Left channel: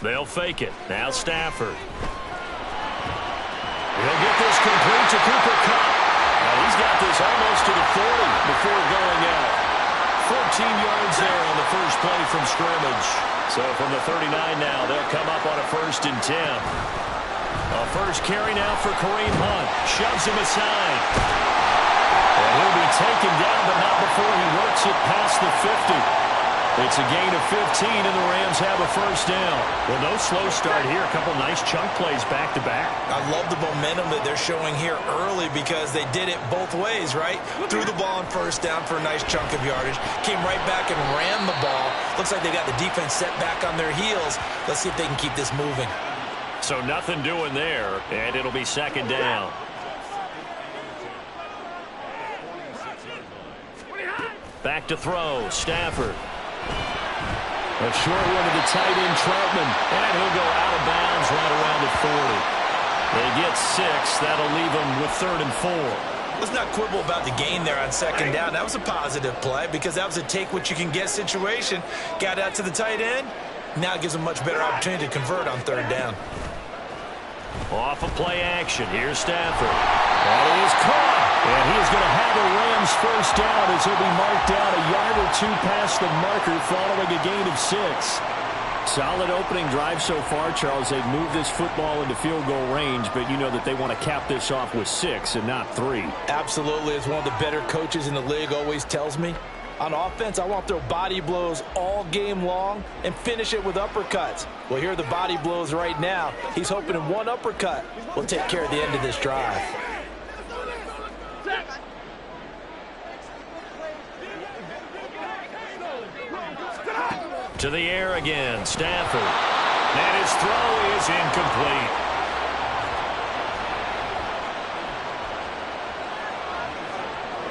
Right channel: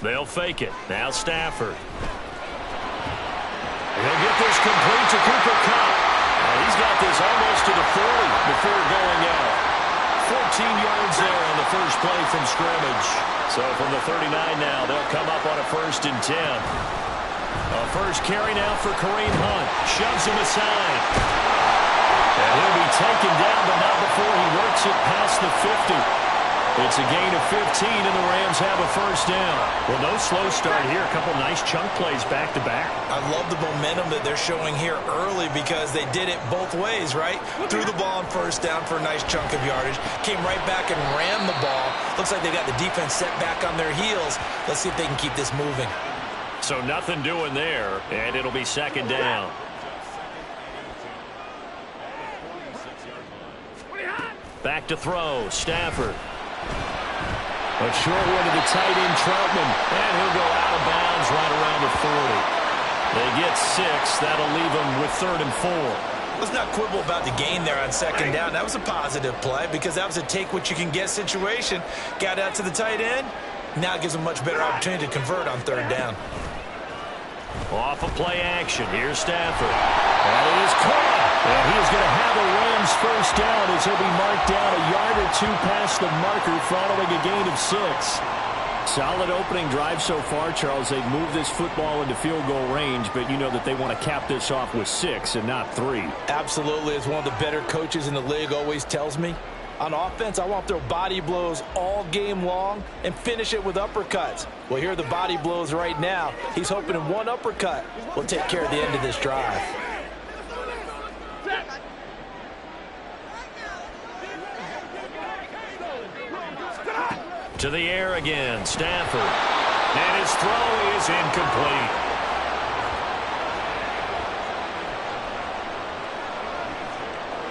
They'll fake it. Now Stafford. He'll get this complete to Cooper Kupp. He's got this almost to the 40 before going out. 14 yards there on the first play from scrimmage. So from the 39 now, they'll come up on a 1st and 10. A first carry now for Kareem Hunt. Shoves him aside. And he'll be taken down, but not before he works it past the 50. It's a gain of 15, and the Rams have a 1st down. Well, no slow start here. A couple nice chunk plays back-to-back. I love the momentum that they're showing here early because they did it both ways, right? Threw the ball on 1st down for a nice chunk of yardage. Came right back and ran the ball. Looks like they got the defense set back on their heels. Let's see if they can keep this moving. So nothing doing there, and it'll be 2nd down. Back to throw, Stafford. A short one to the tight end, Troutman. And he'll go out of bounds right around the 40. They get 6. That'll leave them with 3rd and 4. Let's not quibble about the gain there on 2nd down. That was a positive play because that was a take-what-you-can-get situation. Got out to the tight end. Now it gives them a much better opportunity to convert on 3rd down. Off of play action. Here's Stafford. That is caught. And he is going to have a Rams 1st down as he'll be marked down a yard or 2 past the marker following a gain of 6. Solid opening drive so far, Charles. They've moved this football into field goal range, but you know that they want to cap this off with 6 and not 3. Absolutely. As one of the better coaches in the league always tells me, on offense, I want to throw body blows all game long and finish it with uppercuts. Well, here are the body blows right now. He's hoping in one uppercut will take care of the end of this drive. To the air again, Stafford. And his throw is incomplete.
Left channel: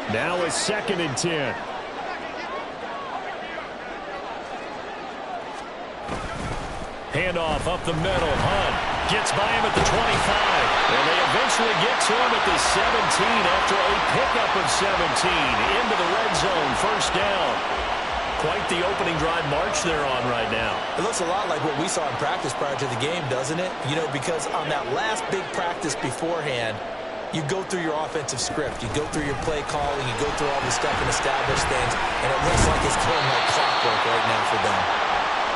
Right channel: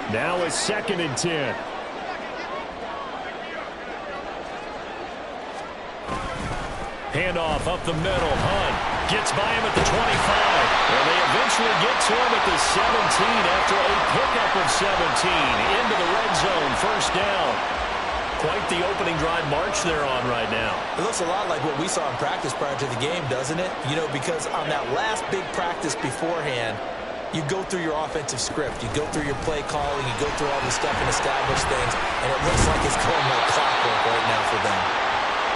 Now it's 2nd and 10. Handoff up the middle. Hunt gets by him at the 25. And they eventually get to him at the 17 after a pickup of 17 into the red zone. 1st down. Quite the opening drive march they're on right now. It looks a lot like what we saw in practice prior to the game, doesn't it? You know, because on that last big practice beforehand, you go through your offensive script. You go through your play calling. You go through all the stuff and establish things. And it looks like it's going like clockwork right now for them.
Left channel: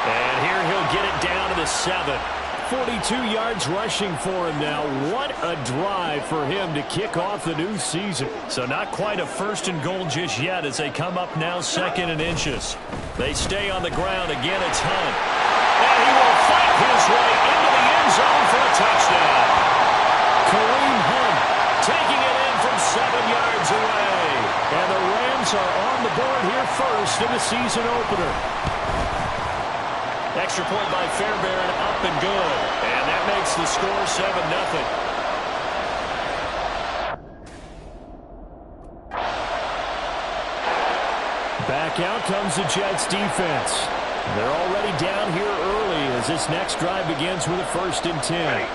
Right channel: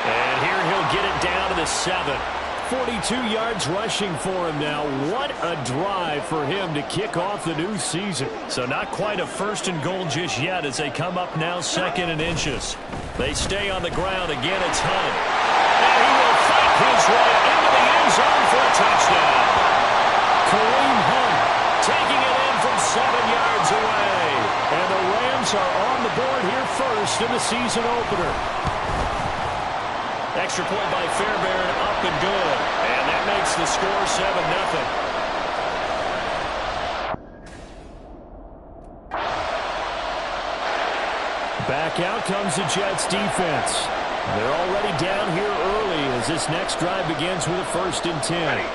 And here he'll get it down to the 7. 42 yards rushing for him now. What a drive for him to kick off the new season. So not quite a 1st and goal just yet as they come up now 2nd and inches. They stay on the ground. Again, it's Hunt. And he will fight his way into the end zone for a touchdown. Kareem Hunt taking it in from 7 yards away. And the Rams are on the board here first in the season opener. Extra point by Fairbairn, up and good. And that makes the score 7-0. Back out comes the Jets defense. They're already down here early as this next drive begins with a 1st and 10.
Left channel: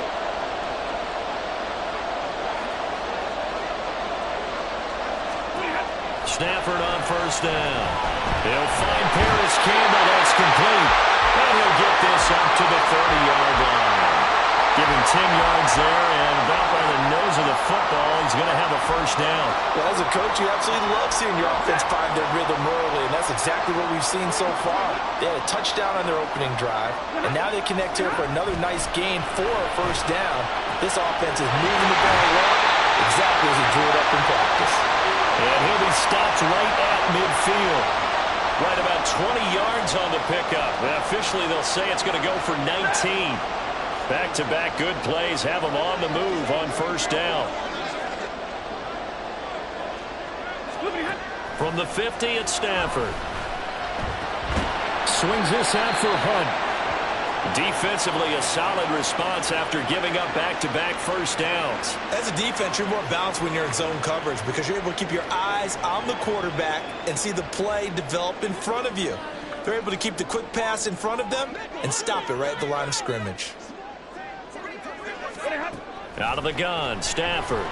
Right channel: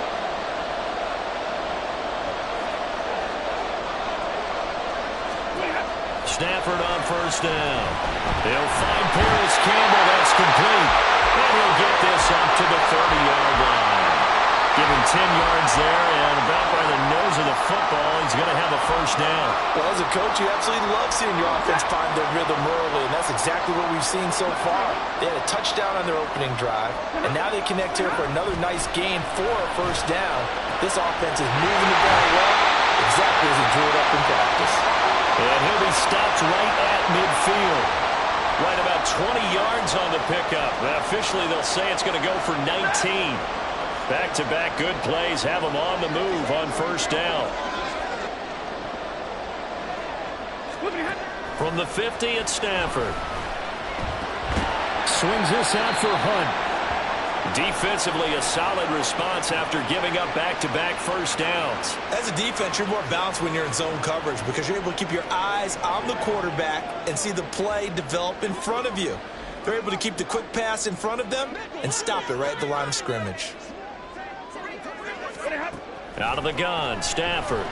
Stafford on 1st down. He'll find Paris Campbell. That's complete. And he'll get this up to the 30-yard line. Give him 10 yards there, and about by the nose of the football, he's going to have a 1st down. Well, as a coach, you absolutely love seeing your offense find their rhythm early, and that's exactly what we've seen so far. They had a touchdown on their opening drive, and now they connect here for another nice gain for a 1st down. This offense is moving the ball well, exactly as he drew it up in practice. And he'll be stopped right at midfield. Right about 20 yards on the pickup. Officially, they'll say it's going to go for 19. Back-to-back good plays have them on the move on 1st down. From the 50, it's Stafford. Swings this out for Hunt. Defensively, a solid response after giving up back-to-back 1st downs. As a defense, you're more balanced when you're in zone coverage because you're able to keep your eyes on the quarterback and see the play develop in front of you. They're able to keep the quick pass in front of them and stop it right at the line of scrimmage. Out of the gun, Stafford.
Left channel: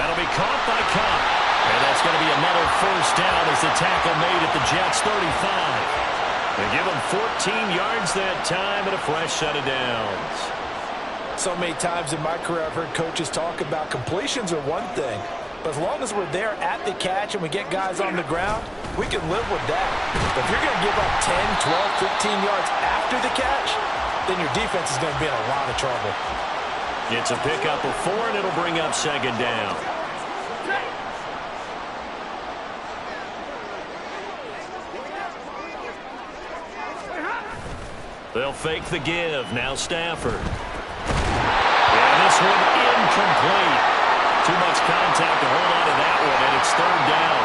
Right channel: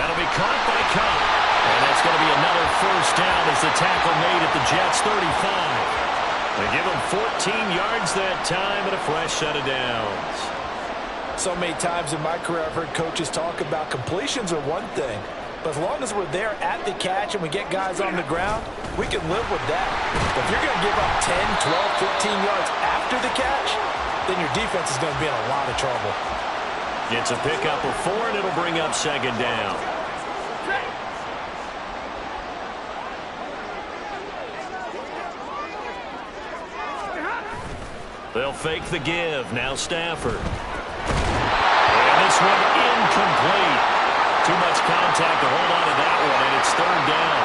That'll be caught by Kupp. And that's going to be another 1st down as the tackle made at the Jets' 35. They give him 14 yards that time and a fresh set of downs. So many times in my career, I've heard coaches talk about completions are one thing, but as long as we're there at the catch and we get guys on the ground, we can live with that. But if you're going to give up 10, 12, 15 yards after the catch, then your defense is going to be in a lot of trouble. It's a pickup of 4, and it'll bring up second down. They'll fake the give. Now Stafford. And this one incomplete. Too much contact to hold on to that one, and it's third down.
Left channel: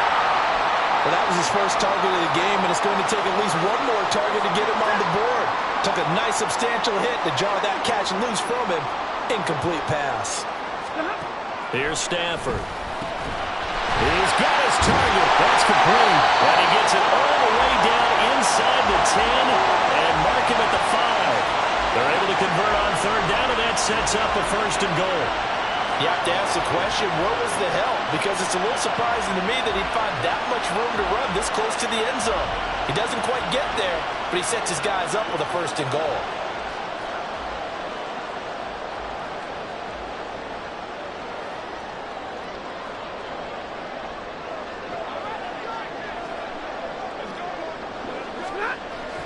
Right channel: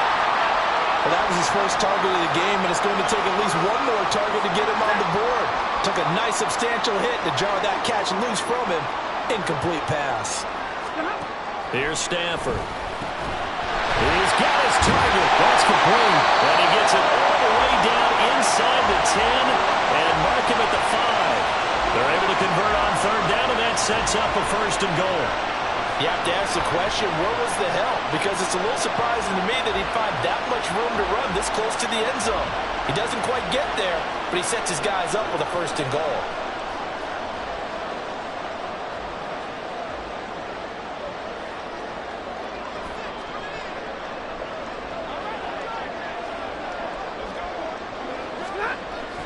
Well, that was his first target of the game, and it's going to take at least one more target to get him on the board. Took a nice substantial hit to jar that catch loose from him. Incomplete pass. Here's Stafford. He's got his target. That's complete. And he gets it all the way down inside the 10 and mark him at the 5. They're able to convert on third down, and that sets up a first and goal. You have to ask the question, where was the help? Because it's a little surprising to me that he'd find that much room to run this close to the end zone. He doesn't quite get there, but he sets his guys up with a first and goal.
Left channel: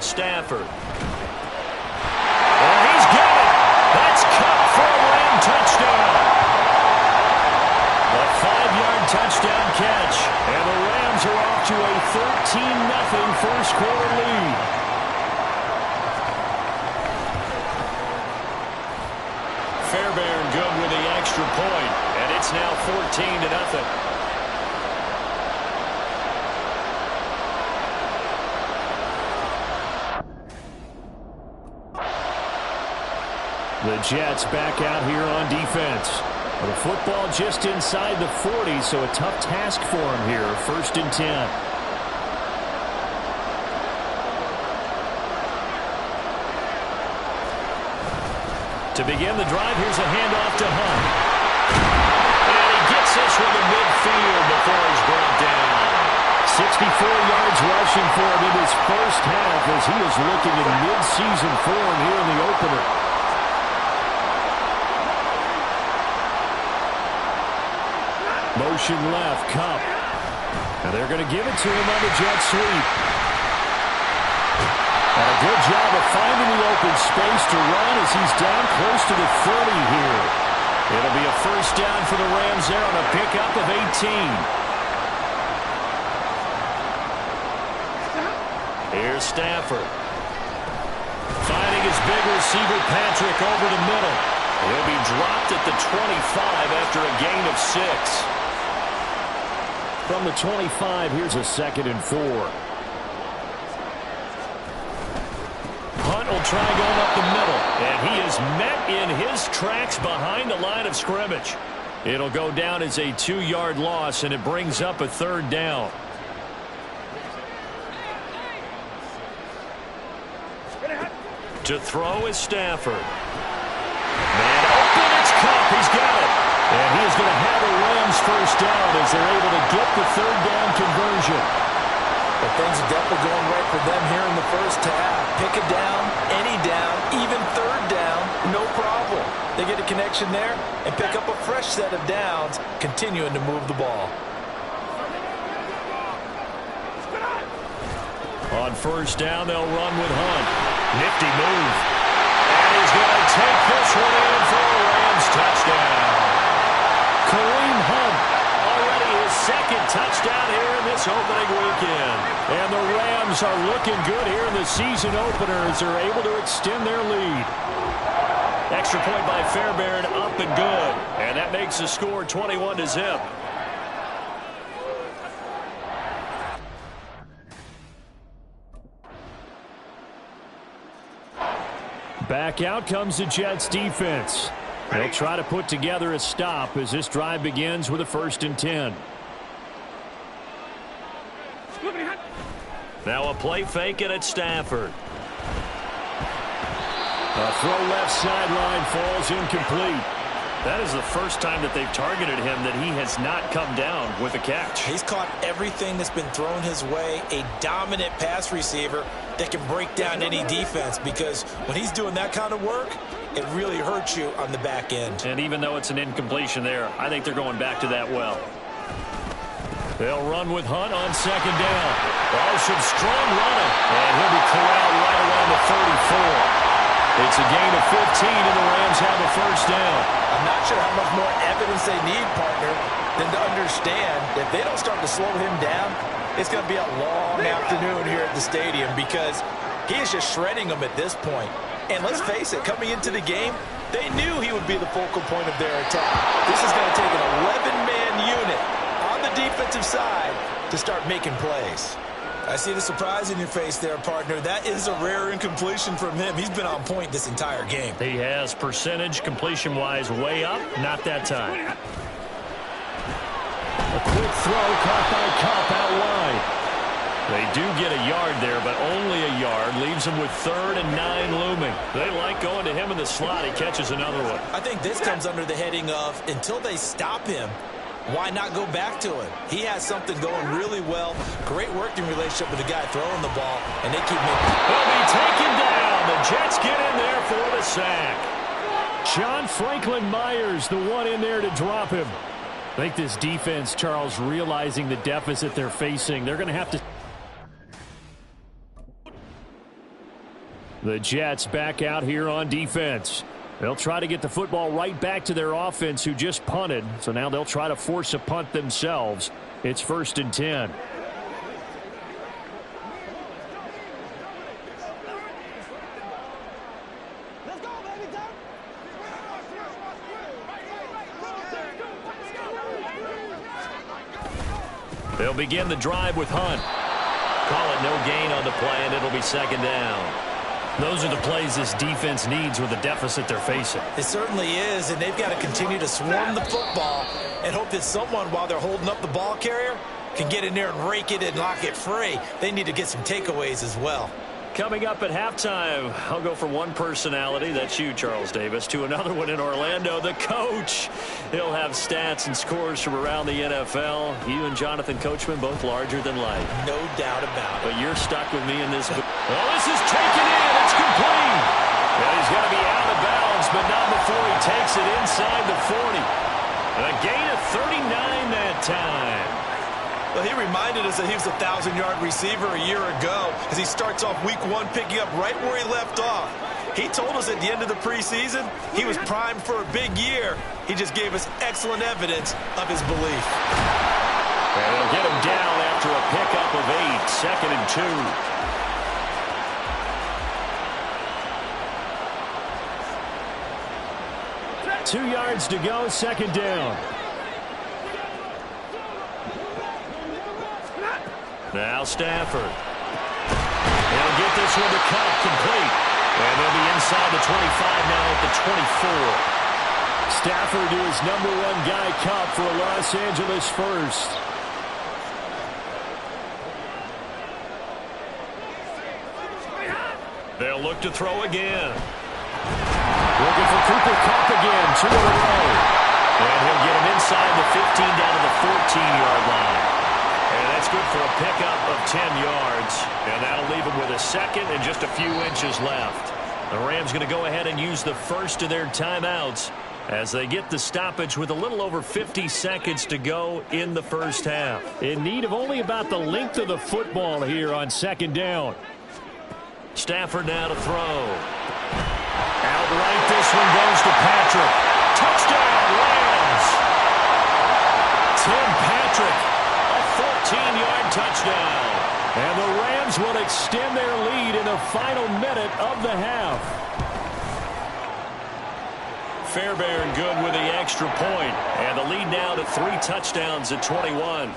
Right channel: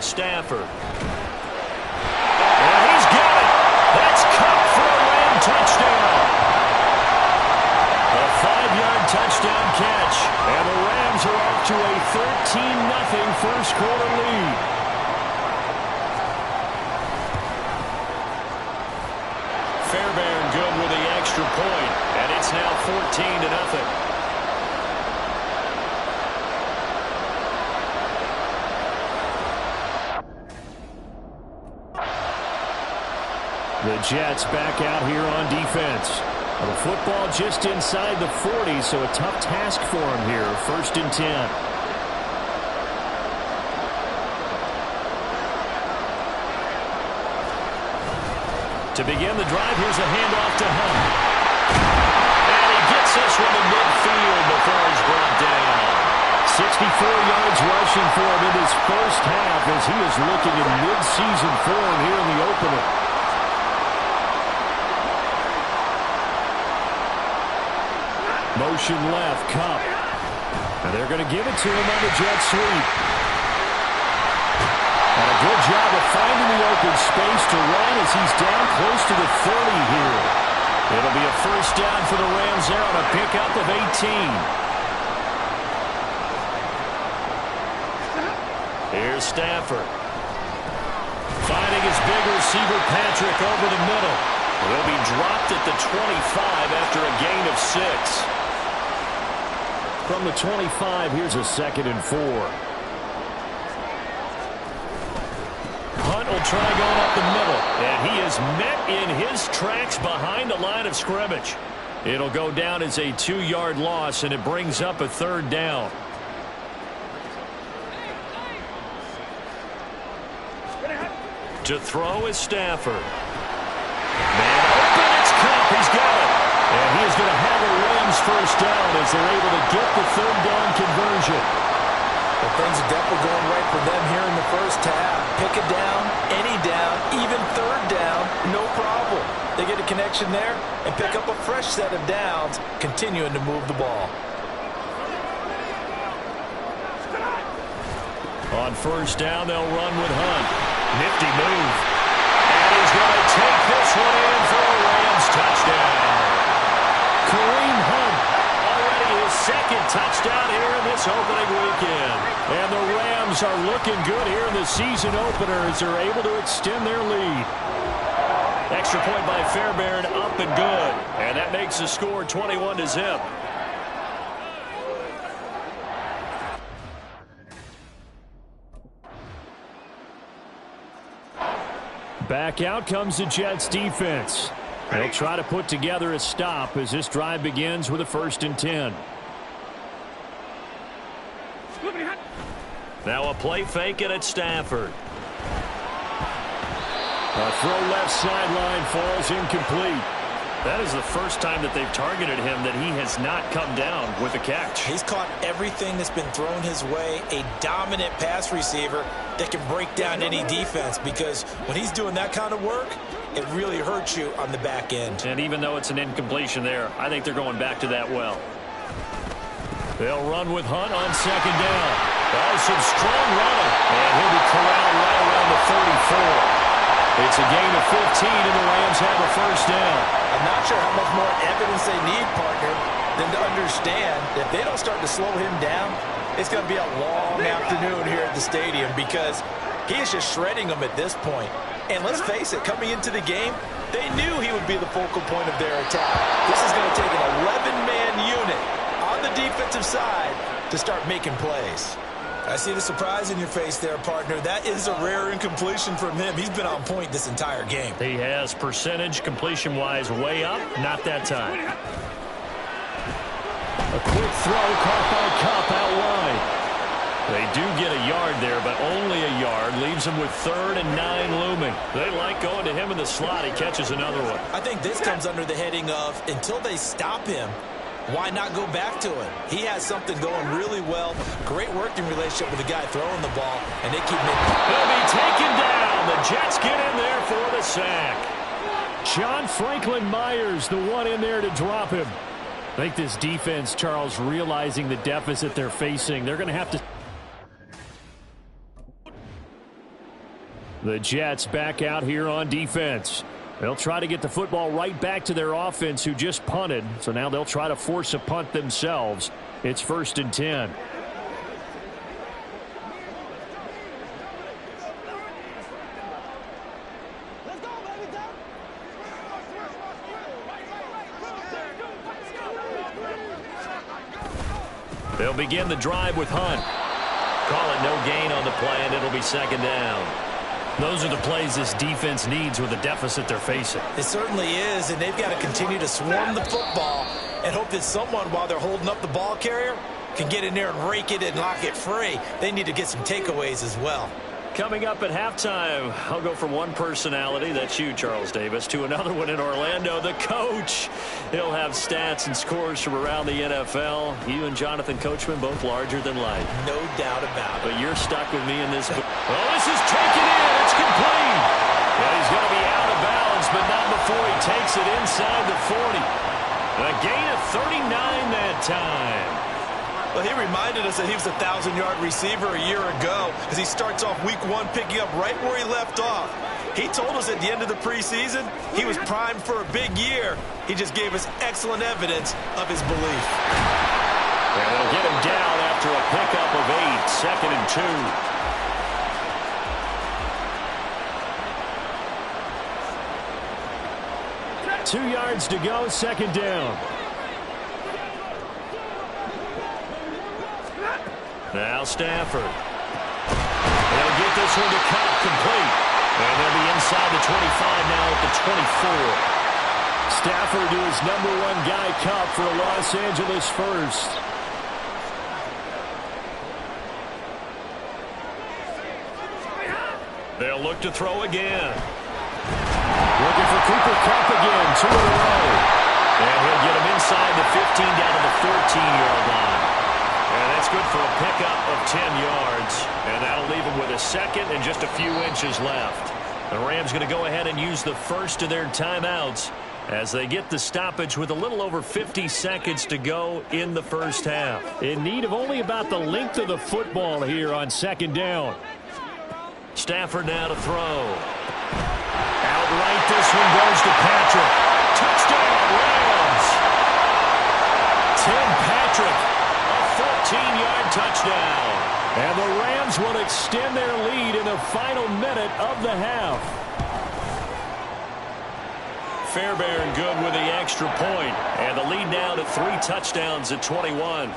Stafford. And he's got it. That's Cup for a Ram touchdown. A 5-yard touchdown catch. And the Rams are off to a 13-0 first quarter lead. Fairbairn good with the extra point. And it's now 14-0. The Jets back out here on defense. The football just inside the 40, so a tough task for him here. First and 10. To begin the drive, here's a handoff to Hunt. And he gets this one to midfield before he's brought down. 64 yards rushing for him in his first half as he is looking in mid-season form here in the opener. Motion left, Cup. And they're going to give it to him on the jet sweep. And a good job of finding the open space to run as he's down close to the 30 here. It'll be a first down for the Rams there on a pickup of 18. Here's Stafford. Finding his big receiver, Patrick, over the middle. He'll be dropped at the 25 after a gain of 6. From the 25, here's a 2nd and 4. Hunt will try going up the middle, and he is met in his tracks behind the line of scrimmage. It'll go down as a 2-yard loss, and it brings up a third down. To throw is Stafford. Man open, it's Cup. He's got it. And he is going to have a Rams first down as they're able to get the third down conversion. But things are definitely going right for them here in the first half. Pick a down, any down, even third down, no problem. They get a connection there and pick up a fresh set of downs, continuing to move the ball. On first down, they'll run with Hunt. Nifty move. And he's going to take this one in for a Rams touchdown. Kareem Hunt, already his second touchdown here in this opening weekend. And the Rams are looking good here in the season opener as they're able to extend their lead. Extra point by Fairbairn, up and good. And that makes the score 21-0. Back out comes the Jets defense. They'll try to put together a stop as this drive begins with a 1st and 10. Now a play fake it at Stafford. A throw left sideline falls incomplete. That is the first time that they've targeted him that he has not come down with a catch. He's caught everything that's been thrown his way, a dominant pass receiver that can break down any defense, because when he's doing that kind of work, it really hurts you on the back end. And even though it's an incompletion there, I think they're going back to that well. They'll run with Hunt on second down. Oh, some strong running. And he'll be corralled right around the 34. It's a gain of 15, and the Rams have a first down. I'm not sure how much more evidence they need, partner, than to understand that if they don't start to slow him down, it's going to be a long afternoon here at the stadium, because he is just shredding them at this point. And let's face it, coming into the game, they knew he would be the focal point of their attack. This is going to take an 11-man unit on the defensive side to start making plays. I see the surprise in your face there, partner. That is a rare incompletion from him. He's been on point this entire game. He has percentage completion-wise way up. Not that time. A quick throw caught by Kupp out wide. They do get a yard there, but only a yard. Leaves him with 3rd and 9 looming. They like going to him in the slot. He catches another one. I think this comes under the heading of, until they stop him, why not go back to him? He has something going really well. Great working relationship with the guy throwing the ball, and they keep making. He'll be taken down. The Jets get in there for the sack. John Franklin Myers, the one in there to drop him. I think this defense, Charles, realizing the deficit they're facing, they're going to have to. The Jets back out here on defense. They'll try to get the football right back to their offense, who just punted. So now they'll try to force a punt themselves. It's 1st and 10. Let's go, baby. They'll begin the drive with Hunt. Call it no gain on the play, and it'll be 2nd down. Those are the plays this defense needs with the deficit they're facing. It certainly is, and they've got to continue to swarm the football and hope that someone, while they're holding up the ball carrier, can get in there and rake it and lock it free. They need to get some takeaways as well. Coming up at halftime, I'll go from one personality, that's you, Charles Davis, to another one in Orlando, the coach. He'll have stats and scores from around the NFL. You and Jonathan Coachman, both larger than life. No doubt about it. But you're stuck with me in this. Oh, this is taken in. It's complete. Yeah, he's going to be out of bounds, but not before he takes it inside the 40. A gain of 39 that time. Well, he reminded us that he was a 1,000-yard receiver a year ago as he starts off week 1 picking up right where he left off. He told us at the end of the preseason he was primed for a big year. He just gave us excellent evidence of his belief. And they'll get him down after a pickup of 8, 2nd and 2. 2 yards to go, 2nd down. Now Stafford. He'll get this one to Kupp, complete. And they'll be inside the 25 now at the 24. Stafford to his #1 guy, Kupp, for a Los Angeles first. They'll look to throw again. Looking for Cooper Kupp again, 2 in a row. And he'll get him inside the 15 down to the 14-yard line. And that's good for a pickup of 10 yards. And that'll leave him with a 2nd and just a few inches left. The Rams going to go ahead and use the first of their timeouts as they get the stoppage with a little over 50 seconds to go in the first half. In need of only about the length of the football here on 2nd down. Stafford now to throw. Outright, this one goes to Patrick. Touchdown, Rams! Tim Patrick. 14-yard touchdown. And the Rams will extend their lead in the final minute of the half. Fairbairn good with the extra point. And the lead now to 3 touchdowns at 21.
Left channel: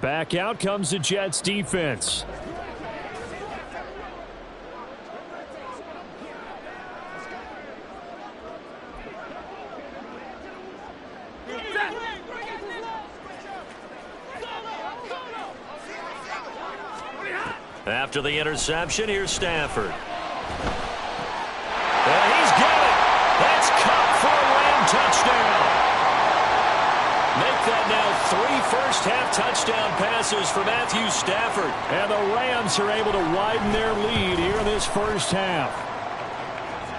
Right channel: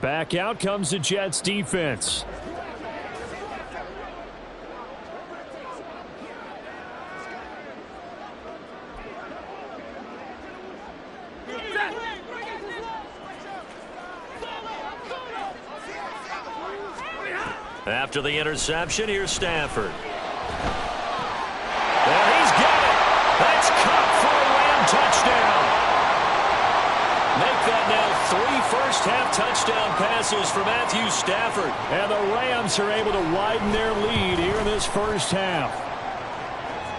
Back out comes the Jets defense. After the interception, here's Stafford. And he's got it. That's Cup for a Ram touchdown. Make that now 3 first-half touchdown passes for Matthew Stafford. And the Rams are able to widen their lead here in this first half.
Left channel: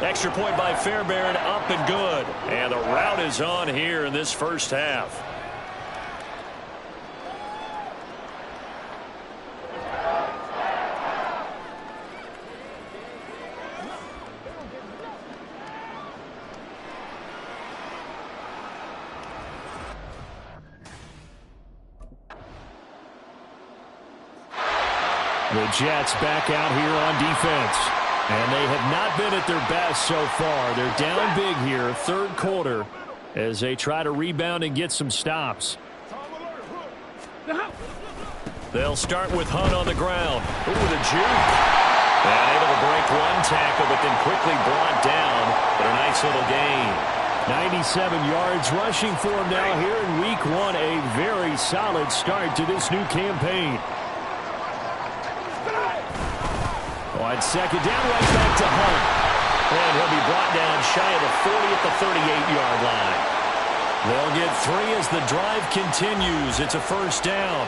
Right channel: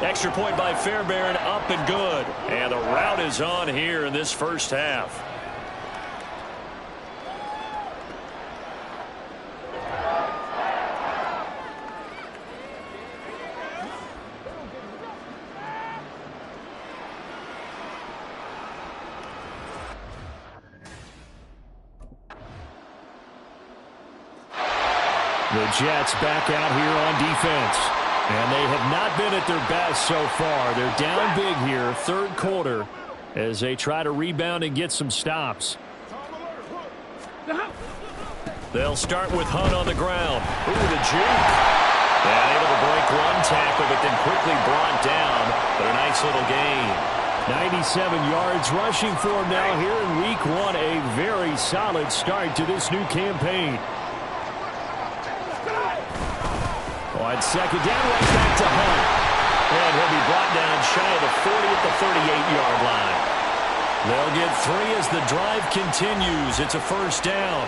Extra point by Fairbairn, up and good. And the route is on here in this first half. The Jets back out here on defense. And they have not been at their best so far. They're down big here, third quarter, as they try to rebound and get some stops. They'll start with Hunt on the ground. Ooh, the juke. And able to break one tackle, but then quickly brought down. But a nice little gain. 97 yards rushing for him now here in week 1. A very solid start to this new campaign. On second down, right back to Hunt. And he'll be brought down shy of the 40 at the 38-yard line. They'll get 3 as the drive continues. It's a first down.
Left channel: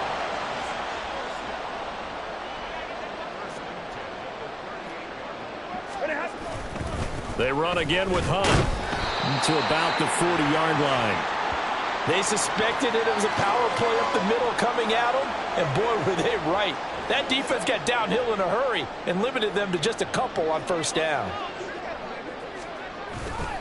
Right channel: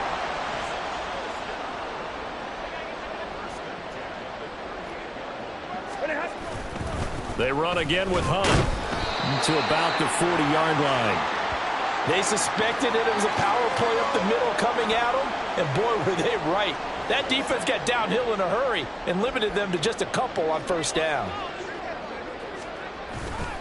They run again with Hunt to about the 40-yard line. They suspected it was a power play up the middle coming at them, and boy, were they right. That defense got downhill in a hurry and limited them to just a couple on first down.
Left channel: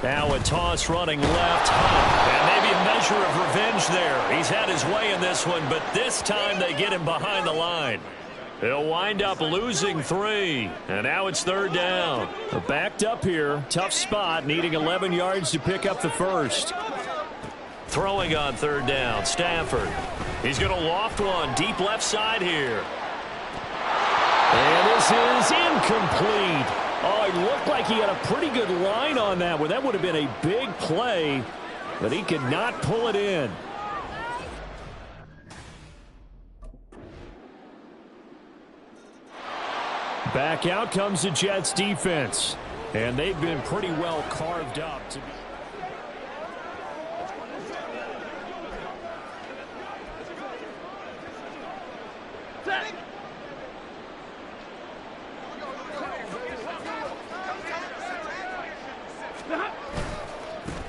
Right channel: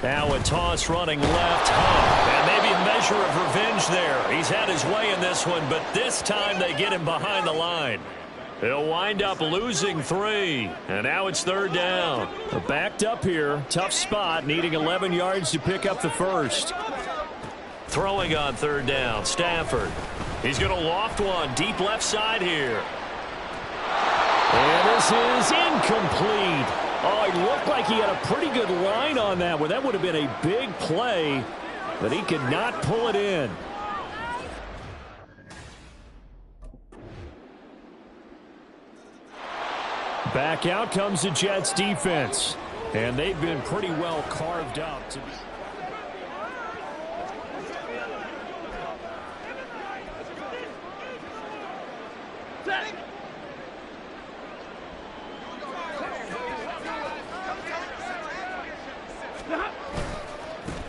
Now a toss running left, Hunt. And maybe a measure of revenge there. He's had his way in this one, but this time they get him behind the line. He'll wind up losing 3. And now it's third down. Backed up here. Tough spot, needing 11 yards to pick up the first. Throwing on third down, Stafford. He's going to loft one deep left side here. And this is incomplete. Oh, it looked like he had a pretty good line on that one. That would have been a big play, but he could not pull it in. Back out comes the Jets defense. And they've been pretty well carved up to be.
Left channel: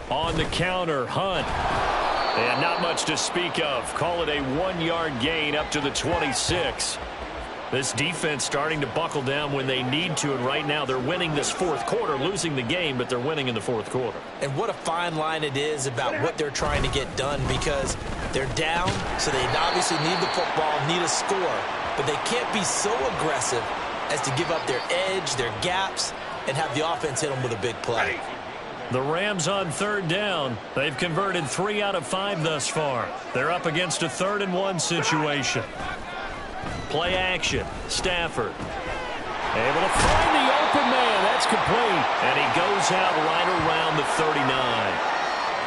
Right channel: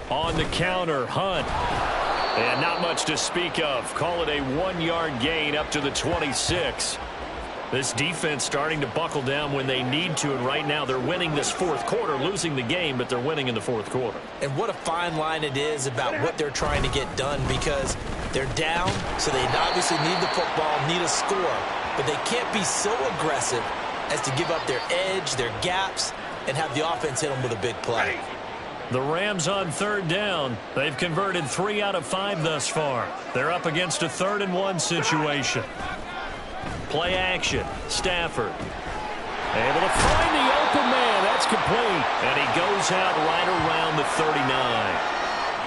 On the counter, Hunt. And not much to speak of. Call it a 1-yard gain up to the 26. This defense starting to buckle down when they need to, and right now they're winning this fourth quarter, losing the game, but they're winning in the fourth quarter. And what a fine line it is about what they're trying to get done, because they're down, so they obviously need the football, need a score, but they can't be so aggressive as to give up their edge, their gaps, and have the offense hit them with a big play. The Rams on third down. They've converted 3 out of 5 thus far. They're up against a 3rd and 1 situation. Play action. Stafford. Able to find the open man. That's complete. And he goes out right around the 39.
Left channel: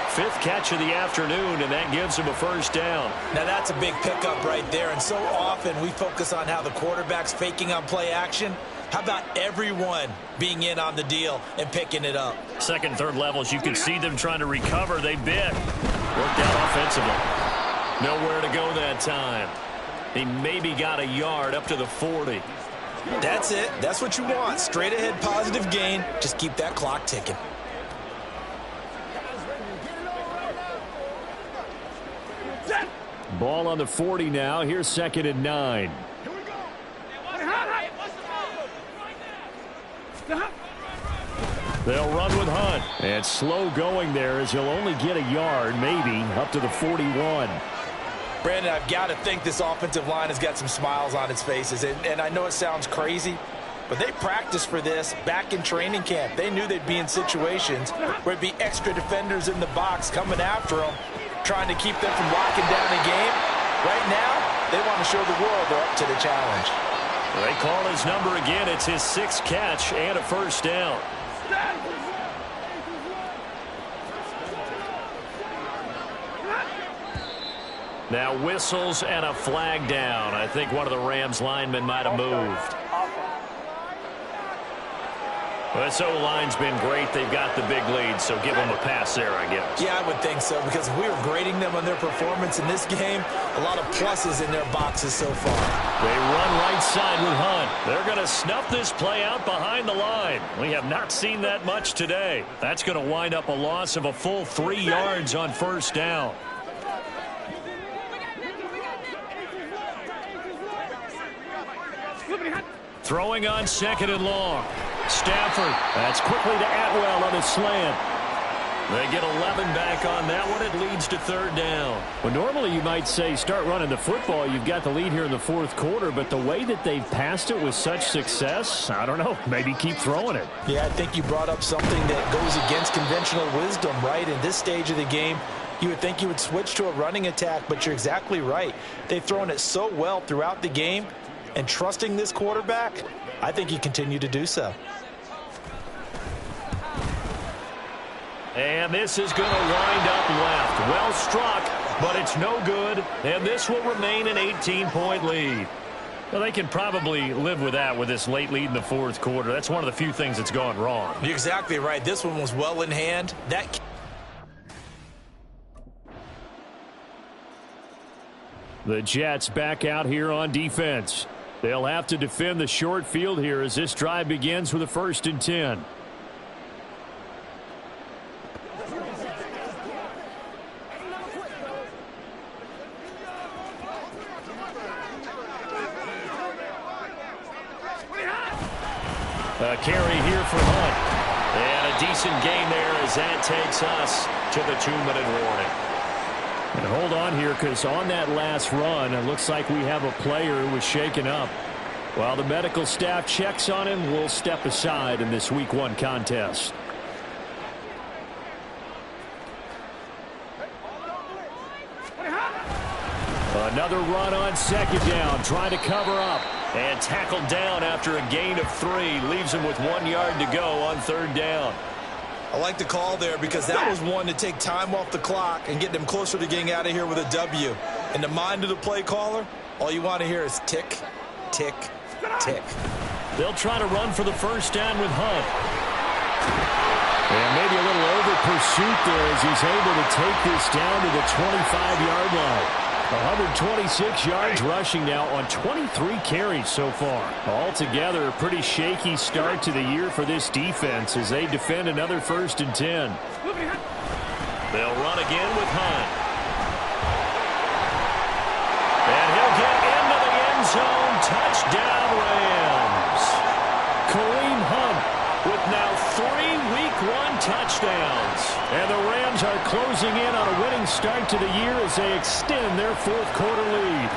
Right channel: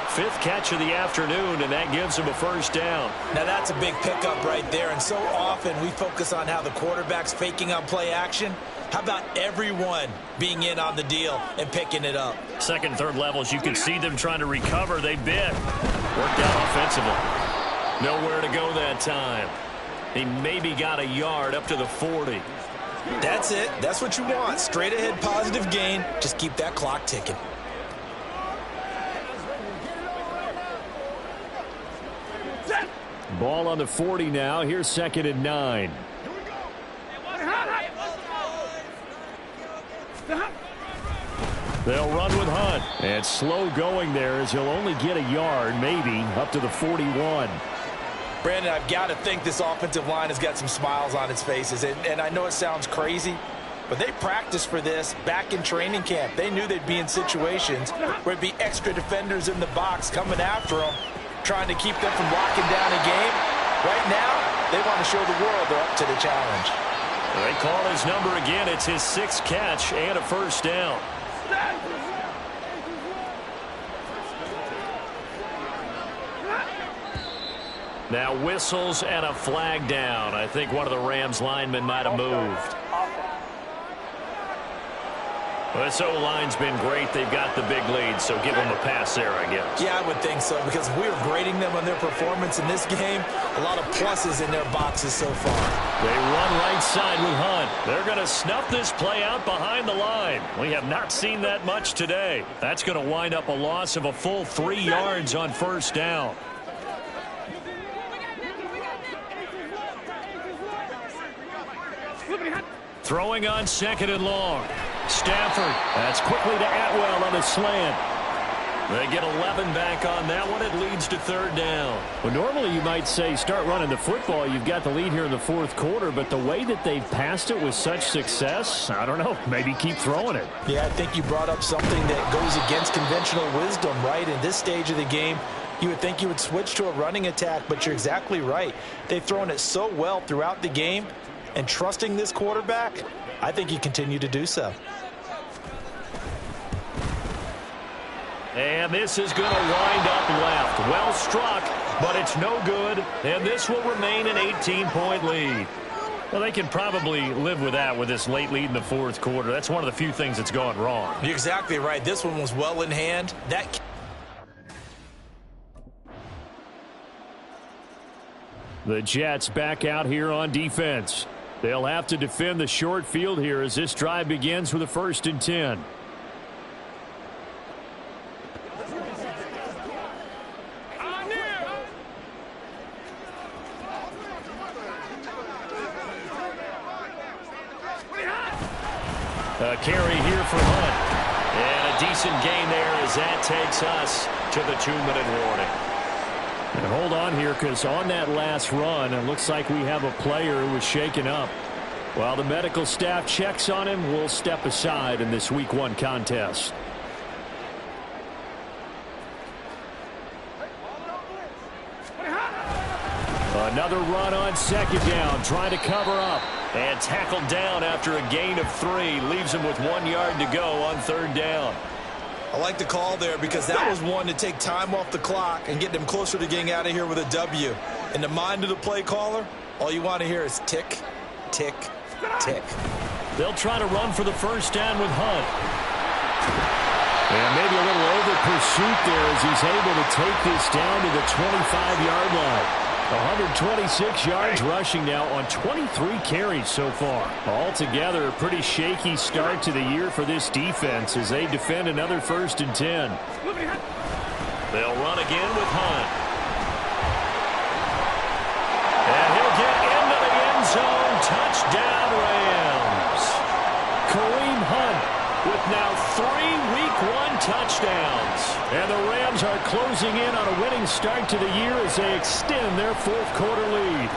5th catch of the afternoon, and that gives him a first down. Now that's a big pickup right there, and so often we focus on how the quarterback's faking on play action. How about everyone being in on the deal and picking it up? Second, third levels, you can see them trying to recover. They bit. Worked out offensively. Nowhere to go that time. He maybe got a yard up to the 40. That's it. That's what you want. Straight ahead positive gain. Just keep that clock ticking. Ball on the 40 now. Here's 2nd and 9. They'll run with Hunt. And slow going there as he'll only get a yard, maybe, up to the 41. Brandon, I've got to think this offensive line has got some smiles on its faces. And I know it sounds crazy, but they practiced for this back in training camp. They knew they'd be in situations where it'd be extra defenders in the box coming after them, trying to keep them from locking down a game. Right now, they want to show the world they're up to the challenge. They call his number again. It's his 6th catch and a first down. Now whistles and a flag down. I think one of the Rams linemen might have moved. Well, this O-line's been great. They've got the big lead, so give them a pass there, I guess. Yeah, I would think so, because if we were grading them on their performance in this game, a lot of pluses in their boxes so far. They run right side with Hunt. They're going to snuff this play out behind the line. We have not seen that much today. That's going to wind up a loss of a full 3 yards on first down. Throwing on second and long. Stafford. That's quickly to Atwell on a slant. They get 11 back on that one. It leads to third down. Well, normally you might say start running the football. You've got the lead here in the fourth quarter, but the way that they've passed it with such success, I don't know, maybe keep throwing it. Yeah, I think you brought up something that goes against conventional wisdom, right? In this stage of the game, you would think you would switch to a running attack, but you're exactly right. They've thrown it so well throughout the game, and trusting this quarterback, I think you continue to do so. And this is going to wind up left. Well struck, but it's no good. And this will remain an 18-point lead. Well, they can probably live with that with this late lead in the fourth quarter. That's one of the few things that's gone wrong. You're exactly right. This one was well in hand. The Jets back out here on defense. They'll have to defend the short field here as this drive begins with a 1st and 10. A carry here for Hunt. And a decent gain there as that takes us to the 2-minute warning. And hold on here, because on that last run, it looks like we have a player who was shaken up. While the medical staff checks on him, we'll step aside in this Week 1 contest. Another run on second down, trying to cover up. And tackled down after a gain of 3. Leaves him with 1 yard to go on third down. I like the call there, because that was one to take time off the clock and get them closer to getting out of here with a W. In the mind of the play caller, all you want to hear is tick, tick, tick. They'll try to run for the first down with Hunt. And maybe a little over pursuit there as he's able to take this down to the 25-yard line. 126 yards rushing now on 23 carries so far. Altogether, a pretty shaky start to the year for this defense as they defend another 1st and 10. They'll run again with Hunt. And he'll get into the end zone. Touchdown, Rams. Kareem Hunt with now 3 Week 1 touchdowns. And the Rams are closing in on a winning start to the year as they extend their fourth quarter lead.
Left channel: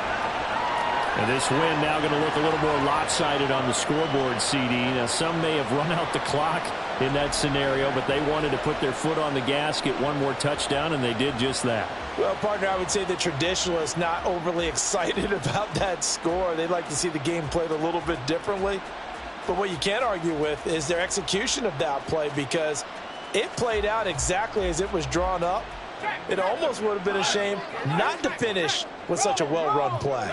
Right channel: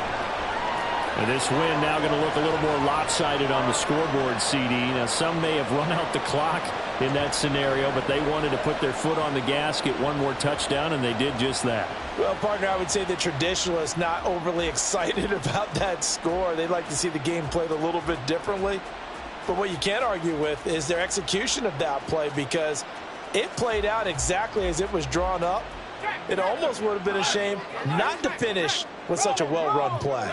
And this win now going to look a little more lopsided on the scoreboard, CD. Now, some may have run out the clock in that scenario, but they wanted to put their foot on the gas, get one more touchdown, and they did just that. Well, partner, I would say the traditionalists not overly excited about that score. They'd like to see the game played a little bit differently. But what you can't argue with is their execution of that play, because it played out exactly as it was drawn up. It almost would have been a shame not to finish with such a well-run play.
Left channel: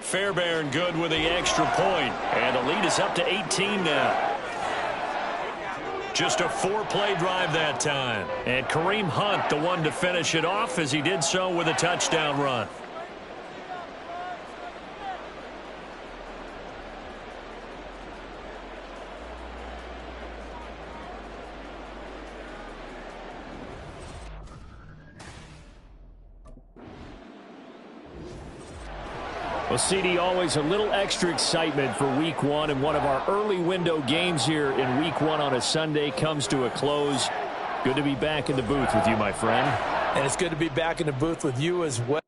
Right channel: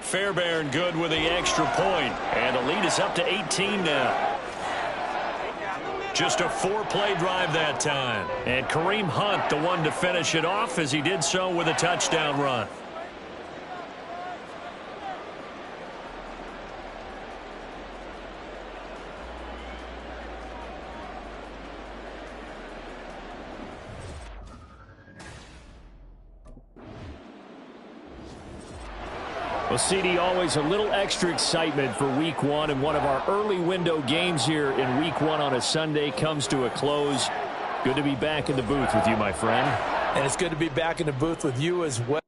Fairbairn good with the extra point, and the lead is up to 18 now. Just a 4-play drive that time. And Kareem Hunt, the one to finish it off, as he did so with a touchdown run. Well, CD, always a little extra excitement for Week 1, and one of our early window games here in Week 1 on a Sunday comes to a close. Good to be back in the booth with you, my friend. And it's good to be back in the booth with you as well.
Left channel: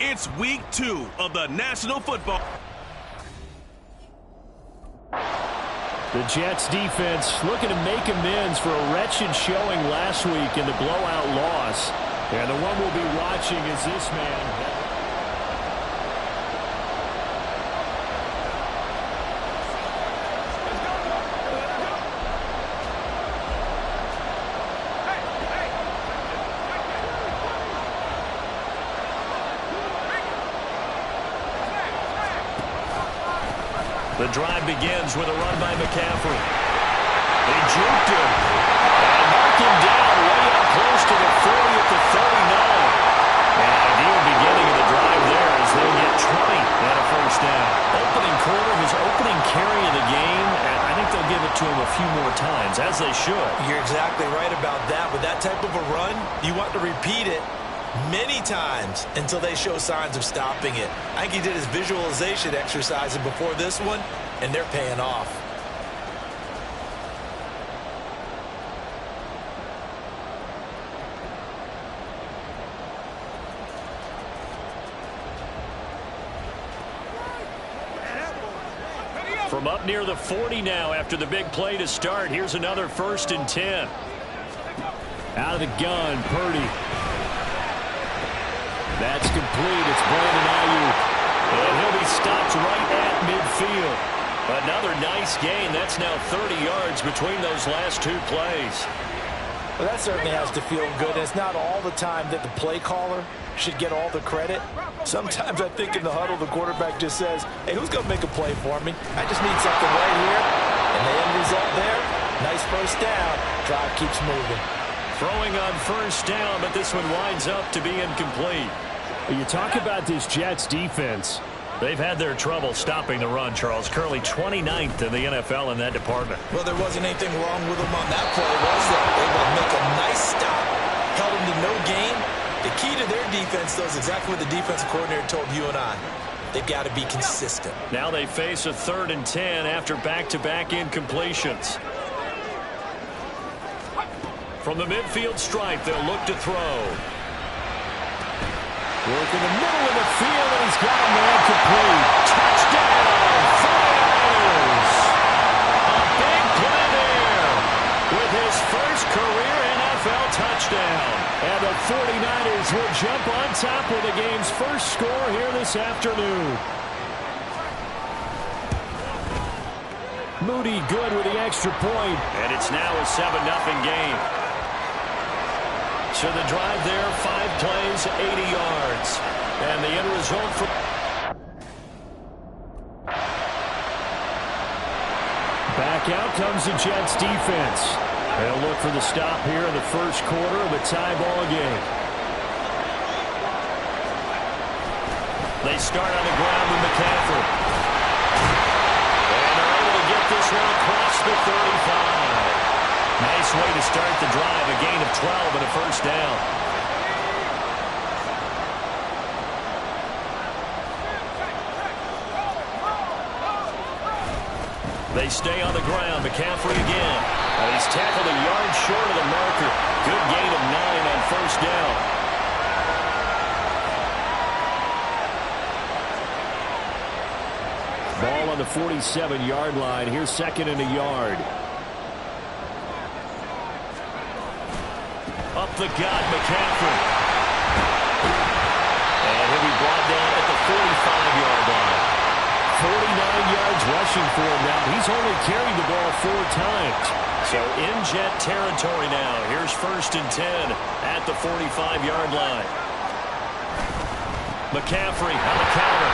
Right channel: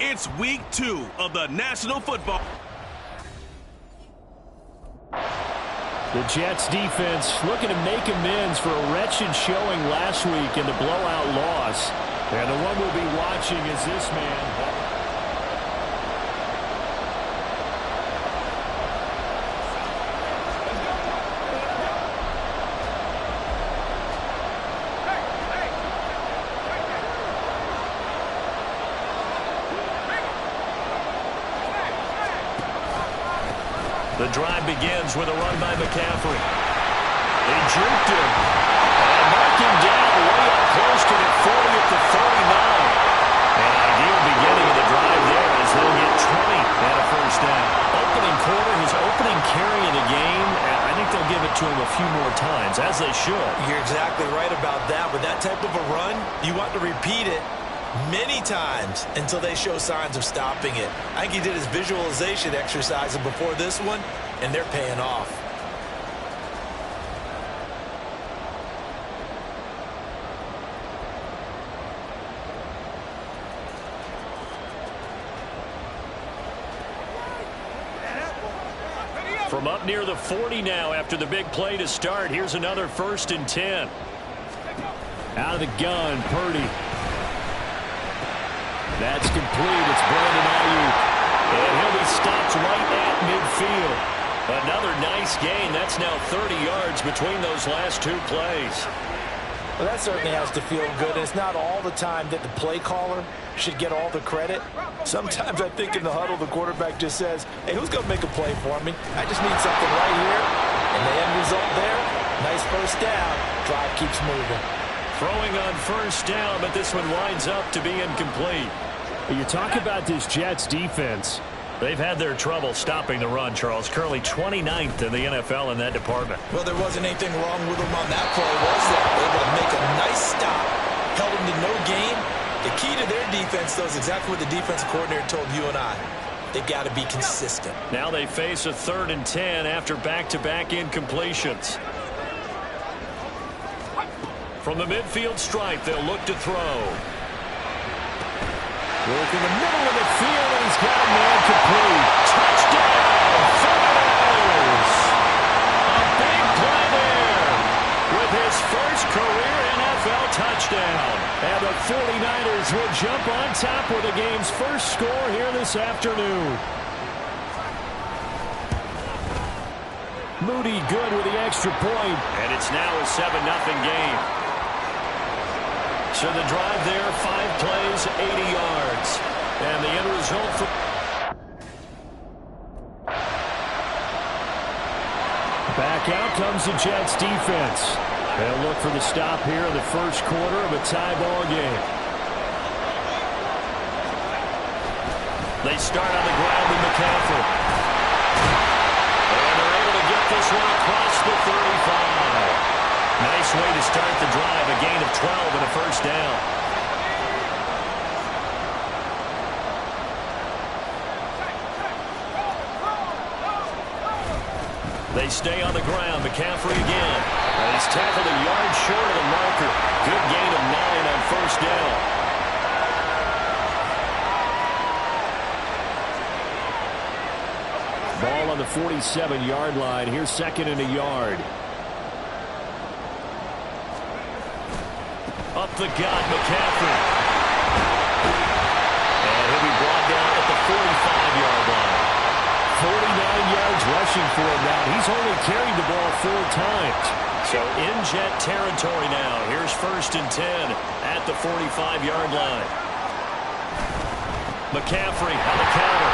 It's week 2 of the National Football. The Jets defense looking to make amends for a wretched showing last week in the blowout loss. And the one we'll be watching is this man. The drive begins with a run by McCaffrey. They juked him and marked him down way up close to the 40 at the 39. An ideal beginning of the drive there as they'll get 20 and a first down. Opening quarter, his opening carry of the game, and I think they'll give it to him a few more times, as they should. You're exactly right about that. With that type of a run, you want to repeat it many times until they show signs of stopping it. I think he did his visualization exercises before this one, and they're paying off. From up near the 40 now after the big play to start. Here's another 1st and 10. Out of the gun, Purdy. That's complete. It's Brandon Ayuk. And he'll be stopped right at midfield. Another nice gain. That's now 30 yards between those last 2 plays. Well, that certainly has to feel good. And it's not all the time that the play caller should get all the credit. Sometimes I think in the huddle, the quarterback just says, hey, who's going to make a play for me? I just need something right here. And the end result there, nice first down. Drive keeps moving. Throwing on first down, but this one winds up to be incomplete. You talk about this Jets defense. They've had their trouble stopping the run, Charles. Currently 29th in the NFL in that department. Well, there wasn't anything wrong with them on that play, was there? Able to make a nice stop, held them to no gain. The key to their defense, though, is exactly what the defensive coordinator told you and I. They've got to be consistent. Now they face a 3rd and 10 after back-to-back incompletions. From the midfield stripe, they'll look to throw. Work in the middle of the field, and he's got a man complete. Touchdown, 49ers! A big play there with his first career NFL touchdown. And the 49ers will jump on top with the game's first score here this afternoon. Moody good with the extra point. And it's now a 7-0 game. So the drive there, 5 plays, 80 yards. And the end result for... Back out comes the Jets defense. They'll look for the stop here in the first quarter of a tie ball game. They start on the ground with McCaffrey. And they're able to get this one across the 35. Nice way to start the drive, a gain of 12 and a first down. They stay on the ground. McCaffrey again. And he's tackled a yard short of the marker. Good gain of 9 on first down. Ball on the 47-yard line. Here's 2nd and a yard. Up the gut, McCaffrey. And he'll be brought down at the 45-yard line. 49 yards rushing for him now. He's only carried the ball 4 times. So in Jet territory now. Here's 1st and 10 at the 45-yard line. McCaffrey on the counter.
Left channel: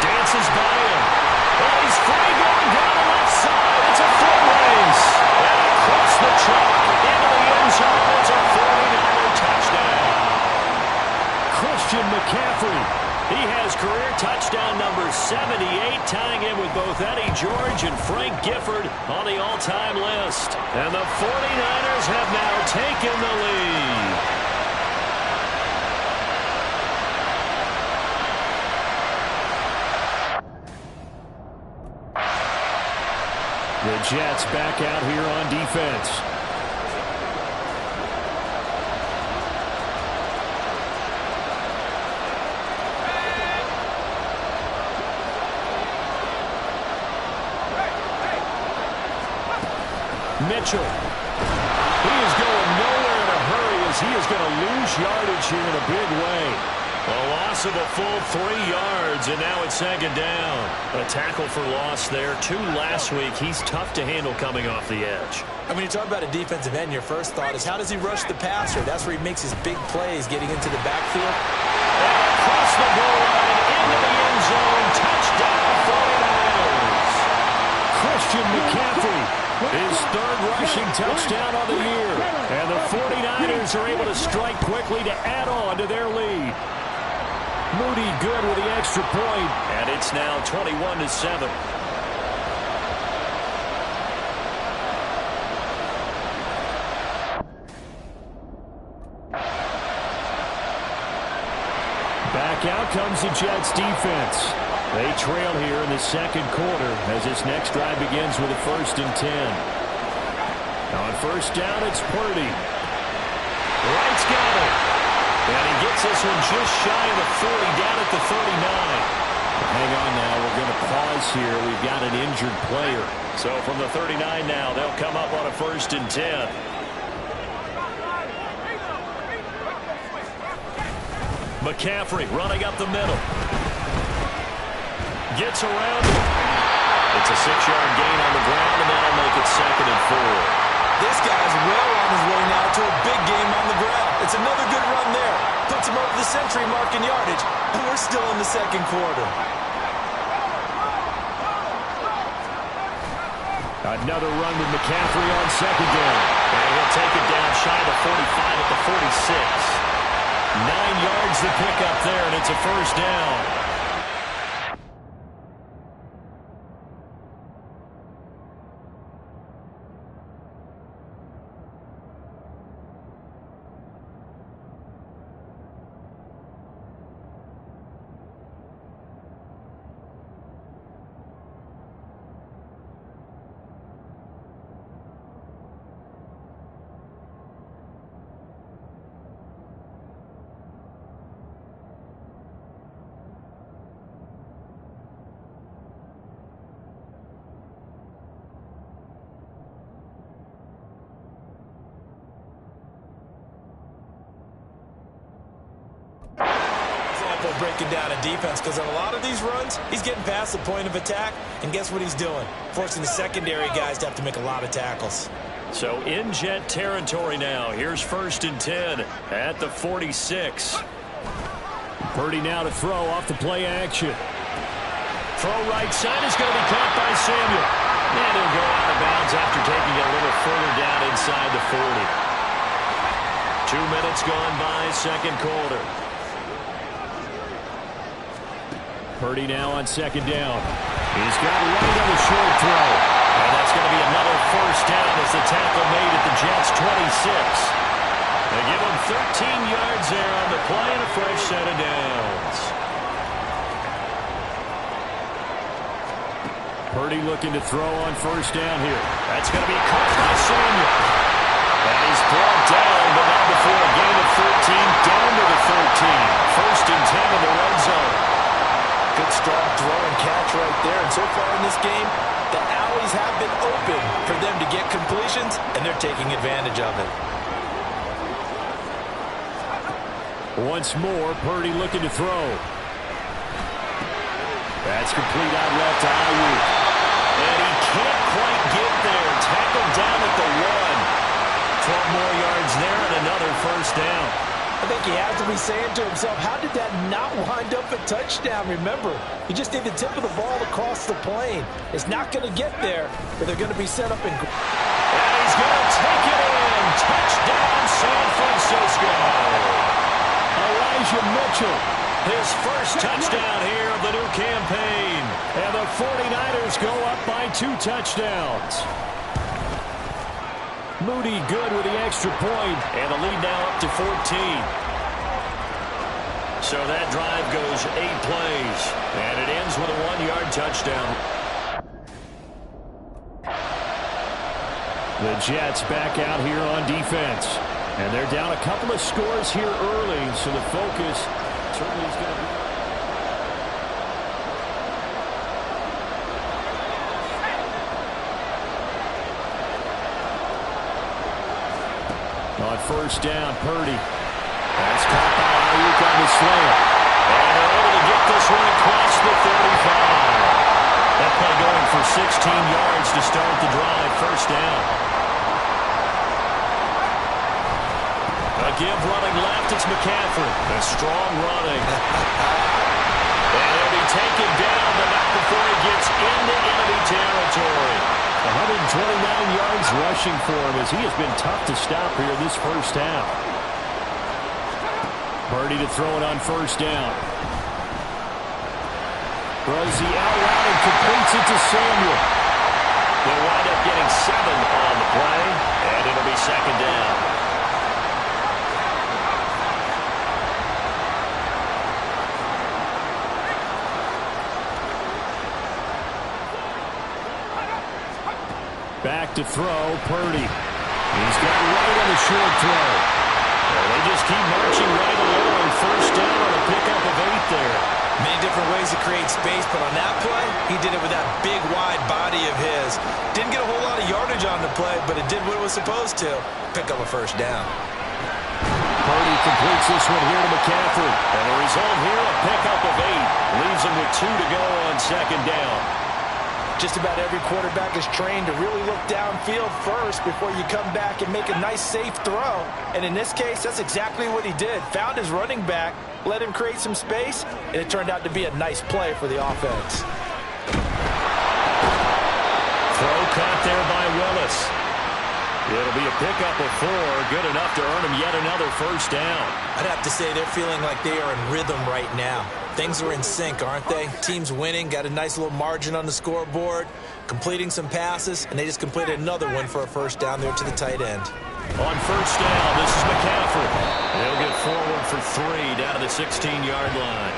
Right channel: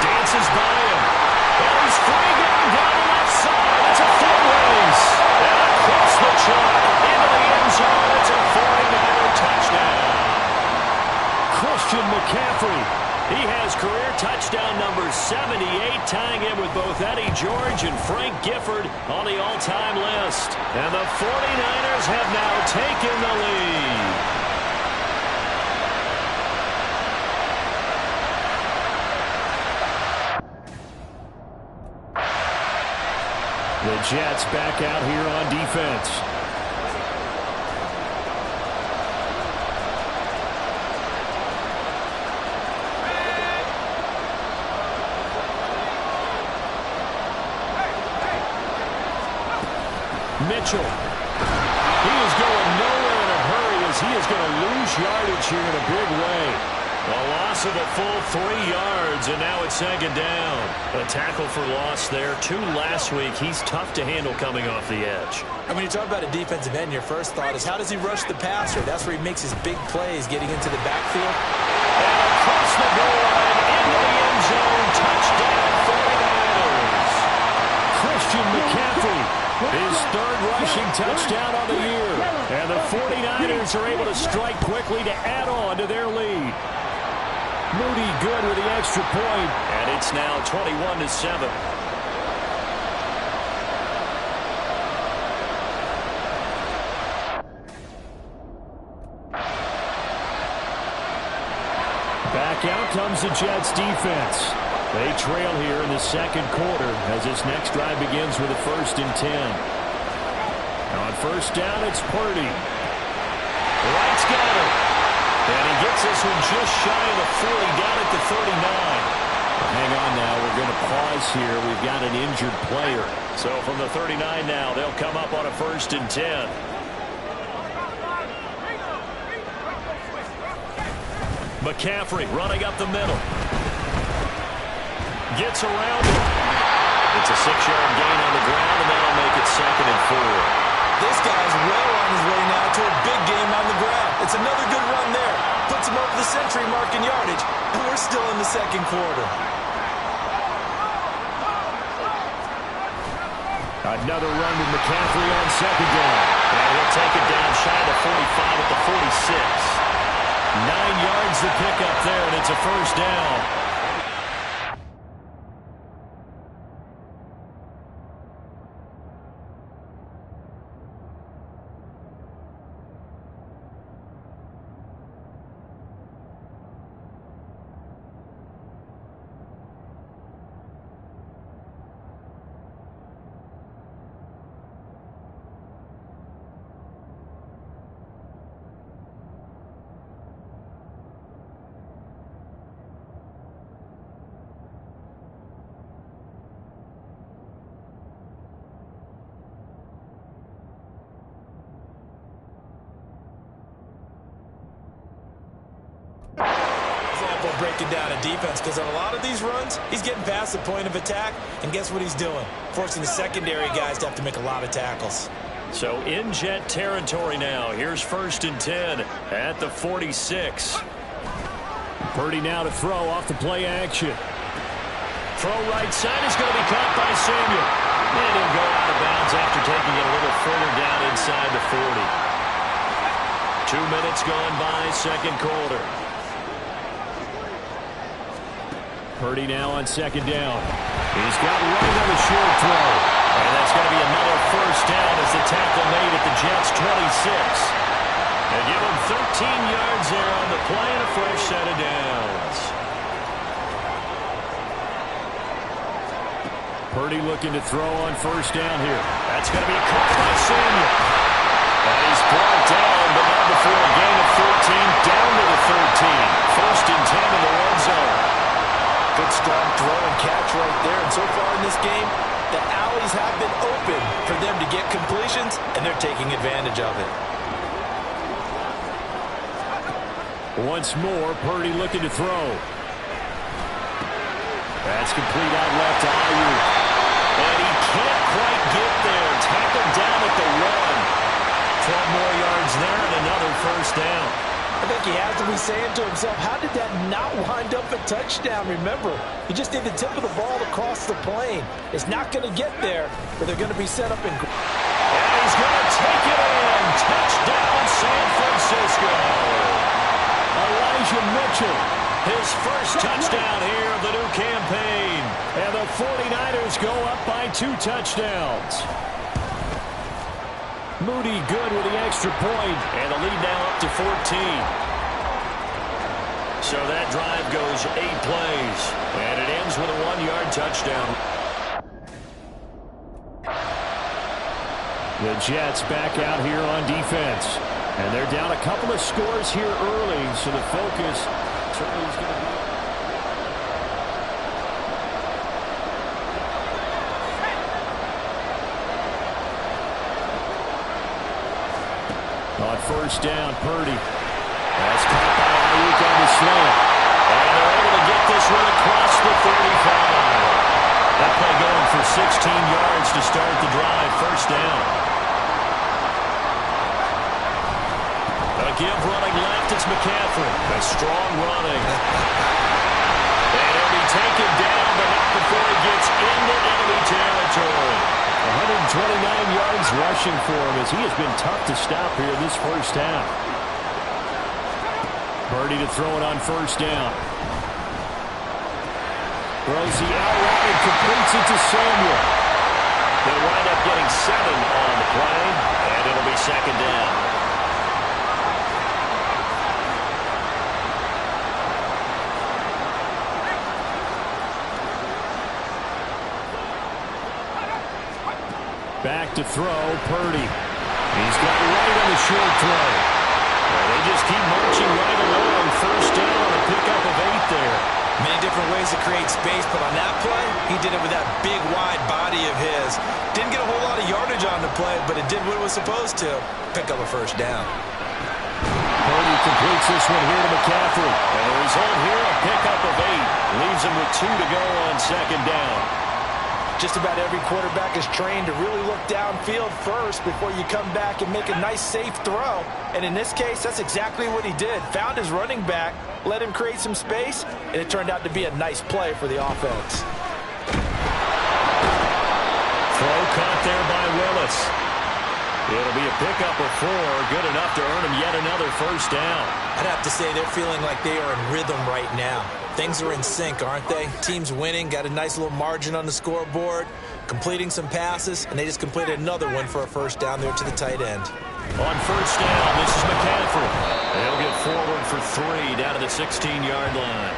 Dances by him. And he's free going down the left side. It's a foot race. And across the chalk into the end zone. It's a 49er touchdown. Christian McCaffrey. He has career touchdown number 78, tying him with both Eddie George and Frank Gifford on the all-time list. And the 49ers have now taken the lead. The Jets back out here on defense. Mitchell. He is going nowhere in a hurry as he is going to lose yardage here in a big way. A loss of a full 3 yards, and now it's second down. A tackle for loss there. 2 last week. He's tough to handle coming off the edge. And when you talk about a defensive end, your first thought is how does he rush the passer? That's where he makes his big plays getting into the backfield. And across the goal line, into the end zone. Touchdown, 49ers. Christian McCaffrey, his 3rd rushing touchdown of the year. And the 49ers are able to strike quickly to add on to their lead. Moody good with the extra point. And it's now 21-7. Back out comes the Jets defense. They trail here in the second quarter as this next drive begins with a 1st and 10. On 1st down, it's Purdy. Wright's got it. And he gets this one just shy of the 40, down at the 39. Hang on now, we're going to pause here. We've got an injured player. So from the 39 now, they'll come up on a 1st and 10. McCaffrey running up the middle. Gets around it. It's a 6-yard gain on the ground, and that'll make it 2nd and 4. This guy's well on his way now to a big game on the ground. It's another good run there. Puts him over the century mark in yardage, and we're still in the second quarter. Another run with McCaffrey on 2nd down. And he'll take it down shy of the 45 at the 46. 9 yards to pick up there, and it's a 1st down. Breaking down a defense, because on a lot of these runs, he's getting past the point of attack, and guess what he's doing? Forcing the secondary guys to have to make a lot of tackles. So in Jet territory now. Here's 1st and 10 at the 46. Purdy now to throw off the play action. Throw right side is going to be caught by Samuel. And he'll go out of bounds after taking it a little further down inside the 40. 2 minutes gone by, second quarter. Purdy now on 2nd down. He's got right on the short throw. And that's going to be another 1st down as the tackle made at the Jets' 26. They give him 13 yards there on the play and a fresh set of downs. Purdy looking to throw on 1st down here. That's going to be caught by Samuel. And he's brought down, but not before a gain of 13, down to the 13. 1st and 10 in the red zone. Good strong throw and catch right there. And so far in this game, the alleys have been open for them to get completions, and they're taking advantage of it. Once more, Purdy looking to throw. That's complete out left to Ayuk. And he can't quite get there. Tackled down at the 1. 12 more yards there and another 1st down. I think he has to be saying to himself, how did that not wind up a touchdown? Remember, you just need the tip of the ball to cross the plane. It's not going to get there, but they're going to be set up in. And he's going to take it in. Touchdown, San Francisco. Elijah Mitchell, his first touchdown here of the new campaign. And the 49ers go up by 2 touchdowns. Moody good with the extra point, and the lead now up to 14. So that drive goes 8 plays, and it ends with a 1-yard touchdown. The Jets back out here on defense, and they're down a couple of scores here early, so the focus certainly is going to be. On first down, Purdy. That's caught by Ayuk on the slant. And they're able to get this one across the 35. That play going for 16 yards to start the drive. First down. A give running left. It's McCaffrey. A strong running. And he'll be taken down, but not before he gets into enemy territory. 129 yards rushing for him as he has been tough to stop here this first half. Purdy to throw it on first down. Throws the out route and completes it to Samuel. They'll wind up getting 7 on the play, and it'll be second down. Back to throw, Purdy. He's got right on the short throw. Well, they just keep marching right along. First down on a pickup of 8 there. Many different ways to create space, but on that play, he did it with that big, wide body of his. Didn't get a whole lot of yardage on the play, but it did what it was supposed to. Pick up a first down. Purdy completes this one here to McCaffrey. And the result here, a pickup of 8. Leaves him with 2 to go on second down. Just about every quarterback is trained to really look downfield first before you come back and make a nice, safe throw. And in this case, that's exactly what he did. Found his running back, let him create some space, and it turned out to be a nice play for the offense. Throw caught there by Willis. It'll be a pickup of 4, good enough to earn him yet another first down. I'd have to say they're feeling like they are in rhythm right now. Things are in sync, aren't they? Team's winning, got a nice little margin on the scoreboard, completing some passes, and they just completed another one for a first down there to the tight end. On first down, this is McCaffrey. He'll get forward for 3 down to the 16-yard line.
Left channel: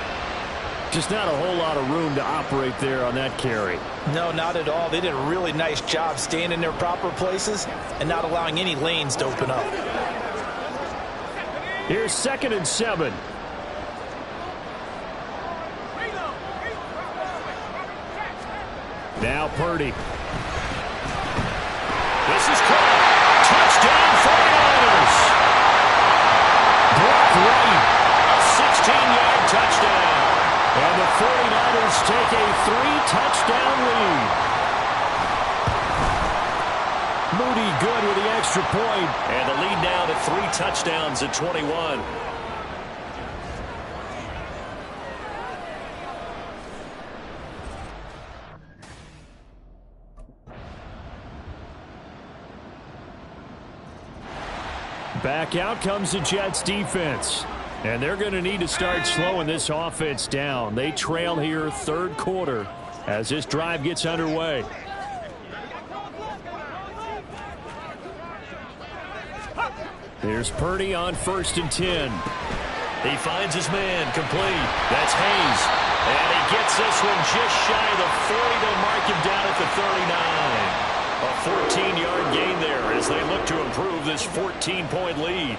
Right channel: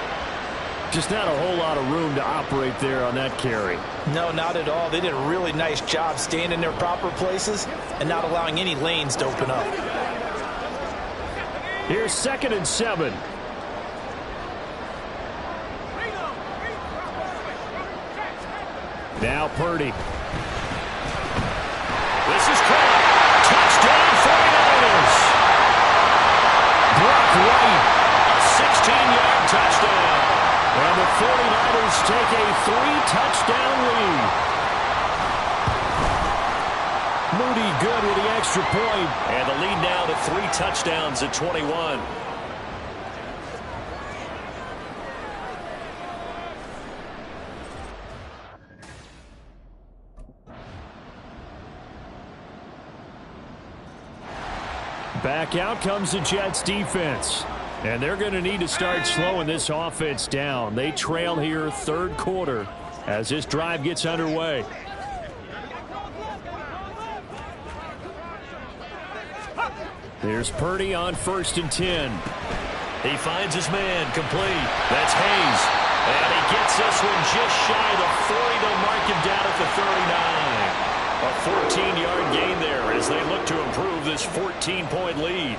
Just not a whole lot of room to operate there on that carry. No, not at all. They did a really nice job staying in their proper places and not allowing any lanes to open up. Here's 2nd and 7. Now Purdy. This is caught. Touchdown 49ers. Brock Wright. A 16-yard touchdown. And the 49ers take a 3-touchdown lead. Moody good with the extra point. And the lead now to 3 touchdowns at 21. Back out comes the Jets defense. And they're going to need to start slowing this offense down. They trail here third quarter as this drive gets underway. Here's Purdy on 1st and 10. He finds his man complete. That's Hayes. And he gets this one just shy of the 40. They'll mark him down at the 39. A 14-yard gain there as they look to improve this 14-point lead.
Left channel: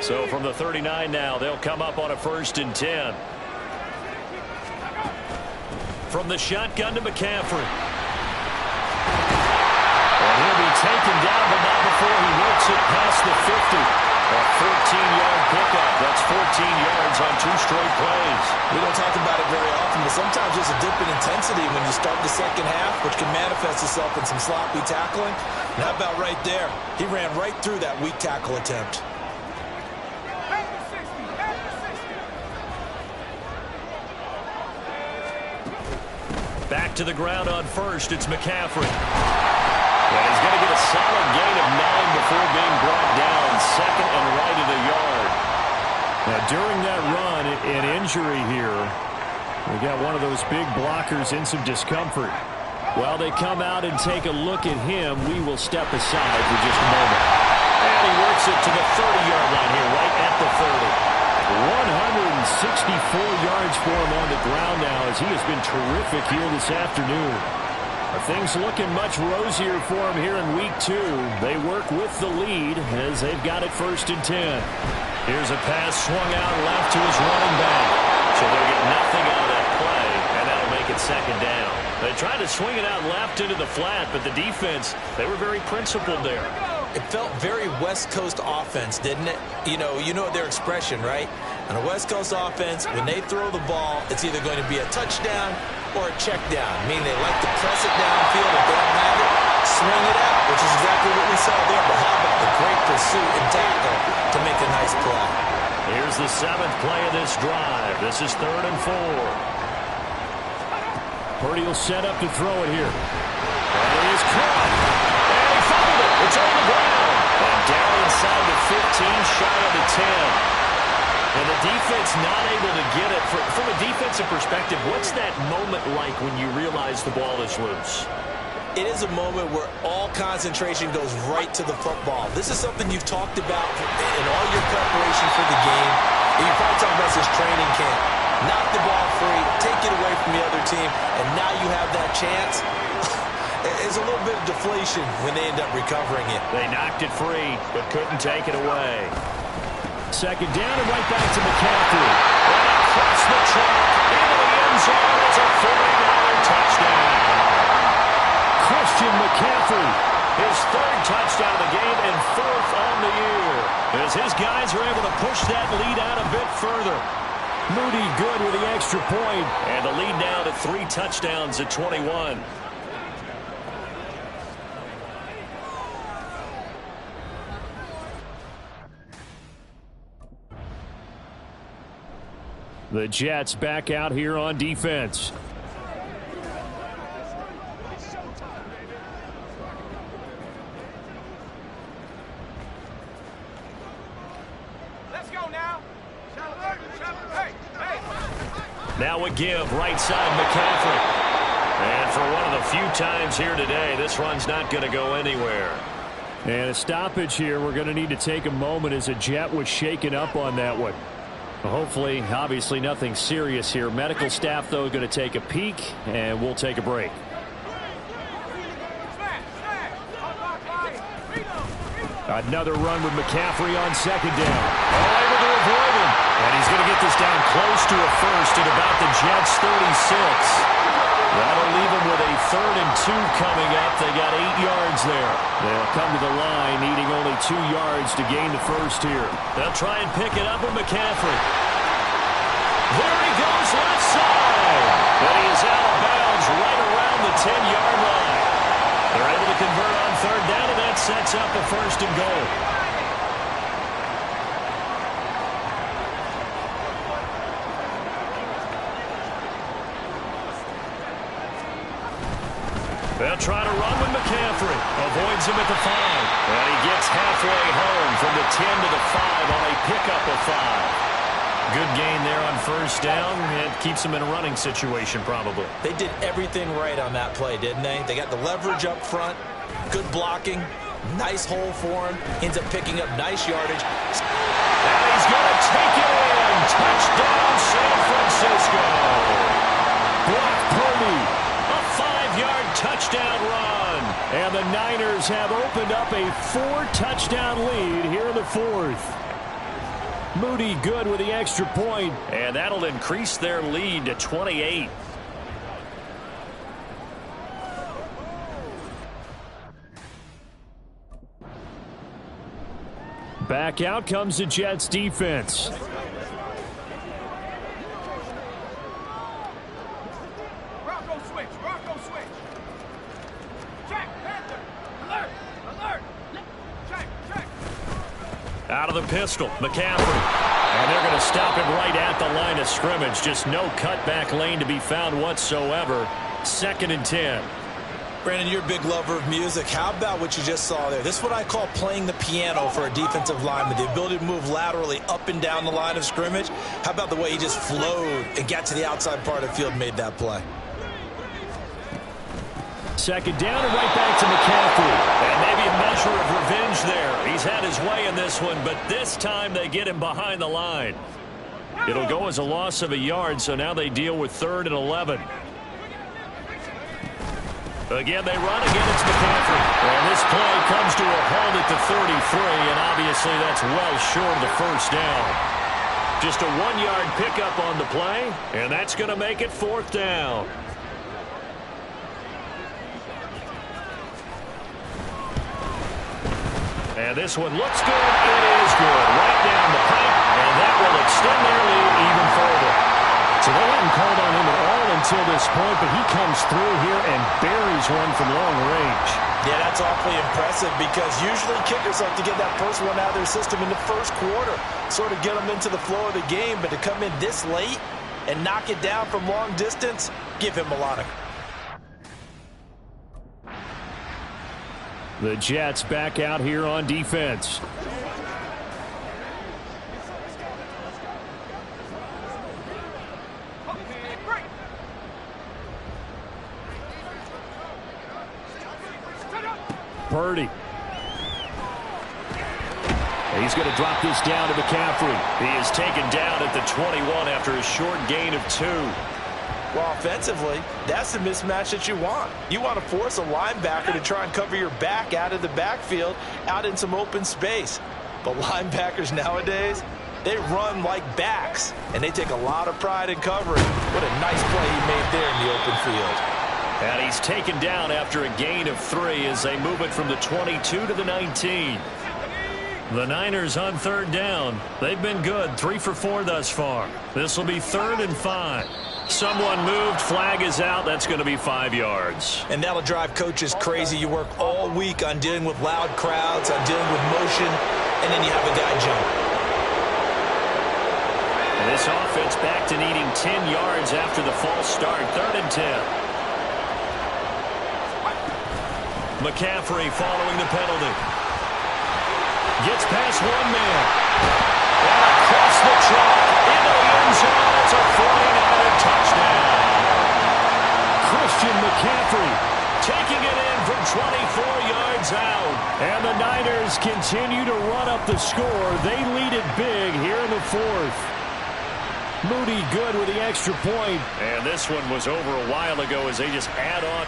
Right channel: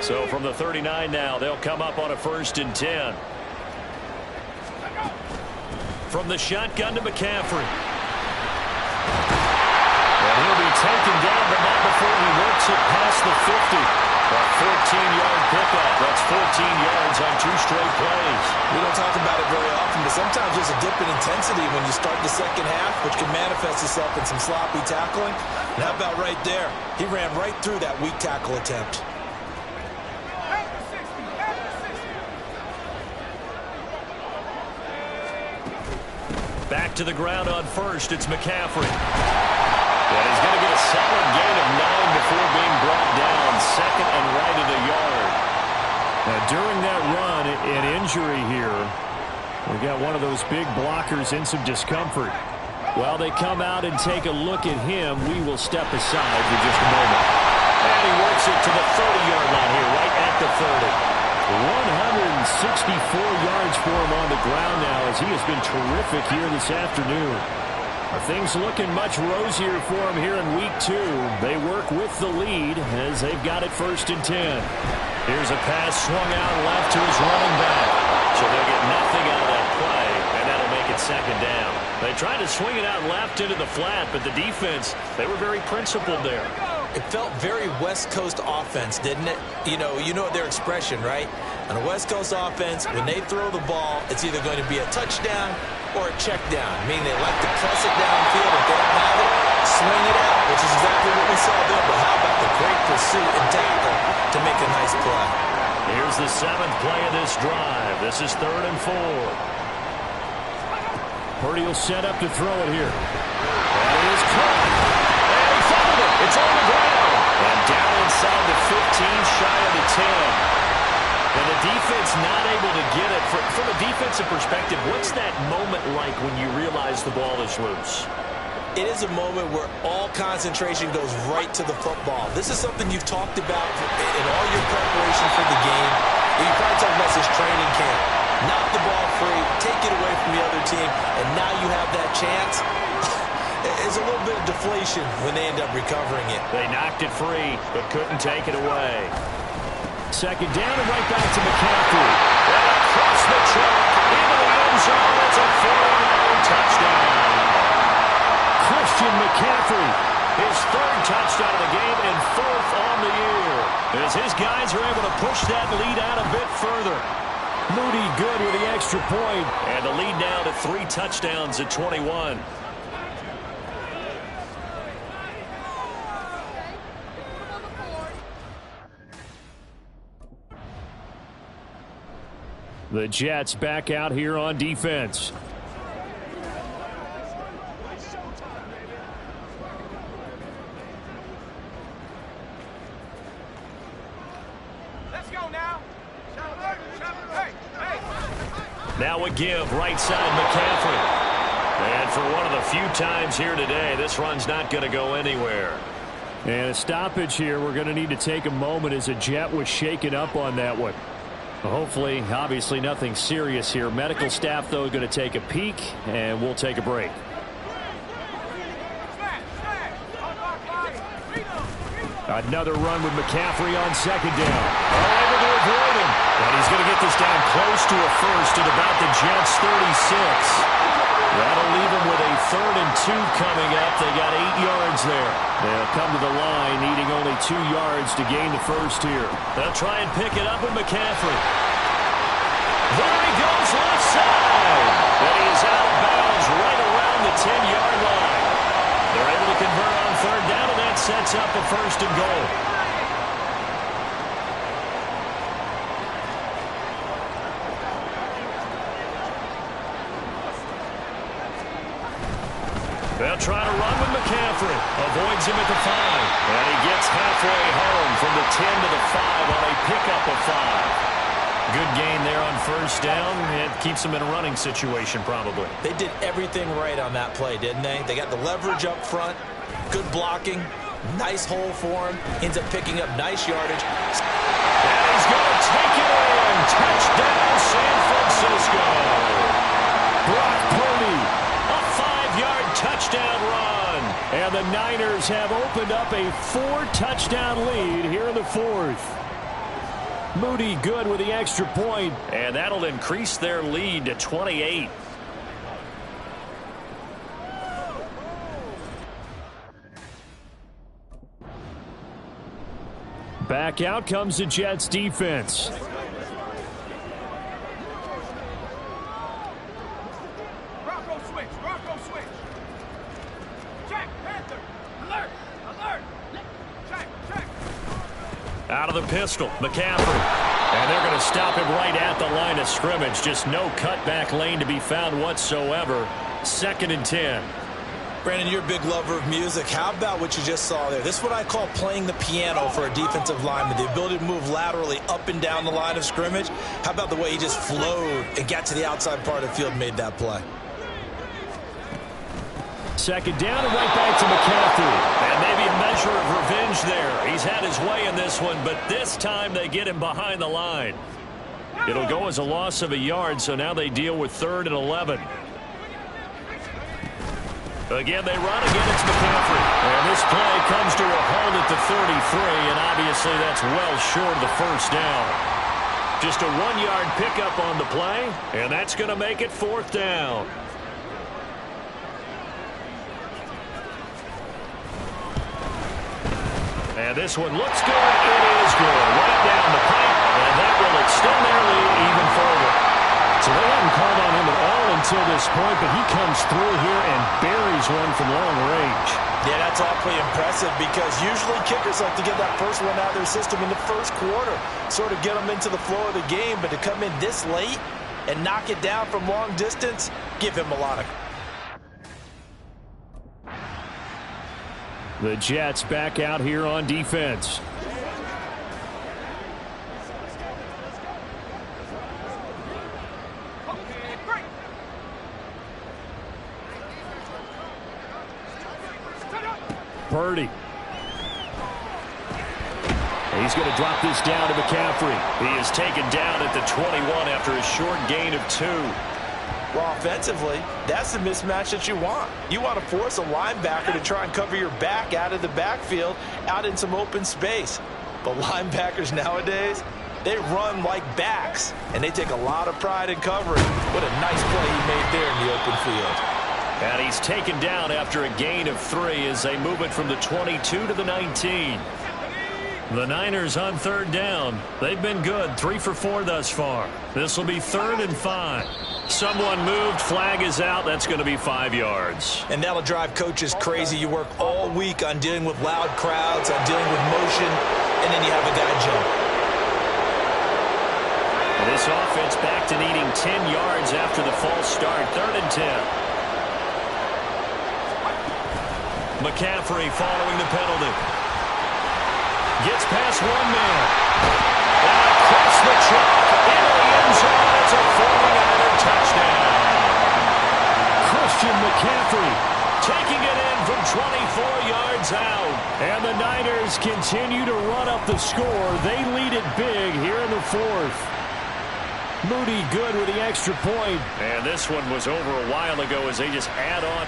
So from the 39 now, they'll come up on a 1st and 10. From the shotgun to McCaffrey. And he'll be taken down, but not before he works it past the 50. A 14-yard pickup. That's 14 yards on 2 straight plays. We don't talk about it very often, but sometimes there's a dip in intensity when you start the second half, which can manifest itself in some sloppy tackling. And how about right there? He ran right through that weak tackle attempt. Back to the ground on 1st. It's McCaffrey. And he's going to get a solid gain of 9 before being brought down. 2nd and right of the yard. Now, during that run, an injury here. We got one of those big blockers in some discomfort. While they come out and take a look at him, we will step aside for just a moment. And he works it to the 30-yard line here, right at the 30. 164 yards for him on the ground now as he has been terrific here this afternoon. Things looking much rosier for him here in week 2. They work with the lead as they've got it 1st and 10. Here's a pass swung out left to his running back. So they'll get nothing out of that play, and that'll make it 2nd down. They tried to swing it out left into the flat, but the defense, they were very principled there. It felt very West Coast offense, didn't it? You know their expression, right? On a West Coast offense, when they throw the ball, it's either going to be a touchdown or a check down, meaning they like to press it downfield. If they don't have it, swing it out, which is exactly what we saw there. But how about the great pursuit and tackle to make a nice play? Here's the 7th play of this drive. This is 3rd and 4. Purdy will set up to throw it here. That is caught. And he fumbled it. It's on the ground. And down inside the 15, shy of the 10. And the defense not able to get it. From a defensive perspective, what's that moment like when you realize the ball is loose? It is a moment where all concentration goes right to the football. This is something you've talked about in all your preparation for the game. You probably talked about this training camp. Knock the ball free, take it away from the other team, and now you have that chance. It's a little bit of deflation when they end up recovering it. They knocked it free, but couldn't take it away. 2nd down and right back to McCaffrey. And across the chalk, into the end zone. It's a 40-yard touchdown. Christian McCaffrey, his 3rd touchdown of the game and 4th on the year. As his guys are able to push that lead out a bit further. Moody good with the extra point. And the lead now to 3 touchdowns at 21. The Jets back out here on defense. Let's go now. Now a give right side McCaffrey. And for one of the few times here today, this run's not going to go anywhere. And a stoppage here. We're going to need to take a moment as a Jet was shaken up on that one. Hopefully, obviously nothing serious here. Medical staff, though, going to take a peek, and we'll take a break. Another run with McCaffrey on 2nd down. Able to avoid him. And he's going to get this down close to a first at about the Jets' 36. That'll leave them with a 3rd and 2 coming up. They got 8 yards there. They'll come to the line needing only 2 yards to gain the first here. They'll try and pick it up with McCaffrey. There he goes left side. And he is out of bounds right around the 10-yard line. They're able to convert on 3rd down, and that sets up a 1st and goal. They'll try to run with McCaffrey. Avoids him at the 5. And he gets halfway home from the 10 to the 5 on a pickup of 5. Good gain there on 1st down. It keeps him in a running situation probably. They did everything right on that play, didn't they? They got the leverage up front, good blocking, nice hole for him, ends up picking up nice yardage. And he's going to take it in. Touchdown, San Francisco. Brock Purdy, a 5-yard touchdown run. And the Niners have opened up a 4-touchdown lead here in the 4th. Moody good with the extra point, and that'll increase their lead to 28. Back out comes the Jets defense. Rocco switch. Check, Panther. Alert. Check. Out of the pistol, McCaffrey. And they're going to stop him right at the line of scrimmage. Just no cutback lane to be found whatsoever. 2nd and 10. Brandon, you're a big lover of music. How about what you just saw there? This is what I call playing the piano for a defensive lineman. The ability to move laterally up and down the line of scrimmage. How about the way he just flowed and got to the outside part of the field and made that play? 2nd down and right back to McCaffrey. And maybe a measure of revenge there. He's had his way in this one, but this time they get him behind the line. It'll go as a loss of a yard, so now they deal with 3rd and 11. Again, they run. Again, it's McCaffrey. And this play comes to a halt at the 33, and obviously that's well short of the 1st down. Just a 1-yard pickup on the play, and that's going to make it 4th down. And this one looks good. It is good. Right down the pipe, and that will extend their lead even further. So they hadn't called on him at all until this point, but he comes through here and buries one from long range. Yeah, that's awfully impressive because usually kickers like to get that first one out of their system in the first quarter, sort of get them into the flow of the game, but to come in this late and knock it down from long distance, give him a lot of... The Jets back out here on defense. Purdy. He's going to drop this down to McCaffrey. He is taken down at the 21 after a short gain of 2. Well, offensively, that's the mismatch that you want. You want to force a linebacker to try and cover your back out of the backfield, out in some open space. But linebackers nowadays, they run like backs, and they take a lot of pride in covering. What a nice play he made there in the open field. And he's taken down after a gain of 3 as they move it from the 22 to the 19. The Niners on third down. They've been good, 3 for 4 thus far. This will be 3rd and 5. Someone moved, flag is out. That's going to be 5 yards. And that'll drive coaches crazy. You work all week on dealing with loud crowds, on dealing with motion, and then you have a guy jump. And this offense back to needing 10 yards after the false start. 3rd and 10. McCaffrey following the penalty. Gets past one man. And across the chalk into the end zone. It's a 49er touchdown. Christian McCaffrey taking it in from 24 yards out. And the Niners continue to run up the score. They lead it big here in the 4th. Moody good with the extra point. And this one was over a while ago as they just add on.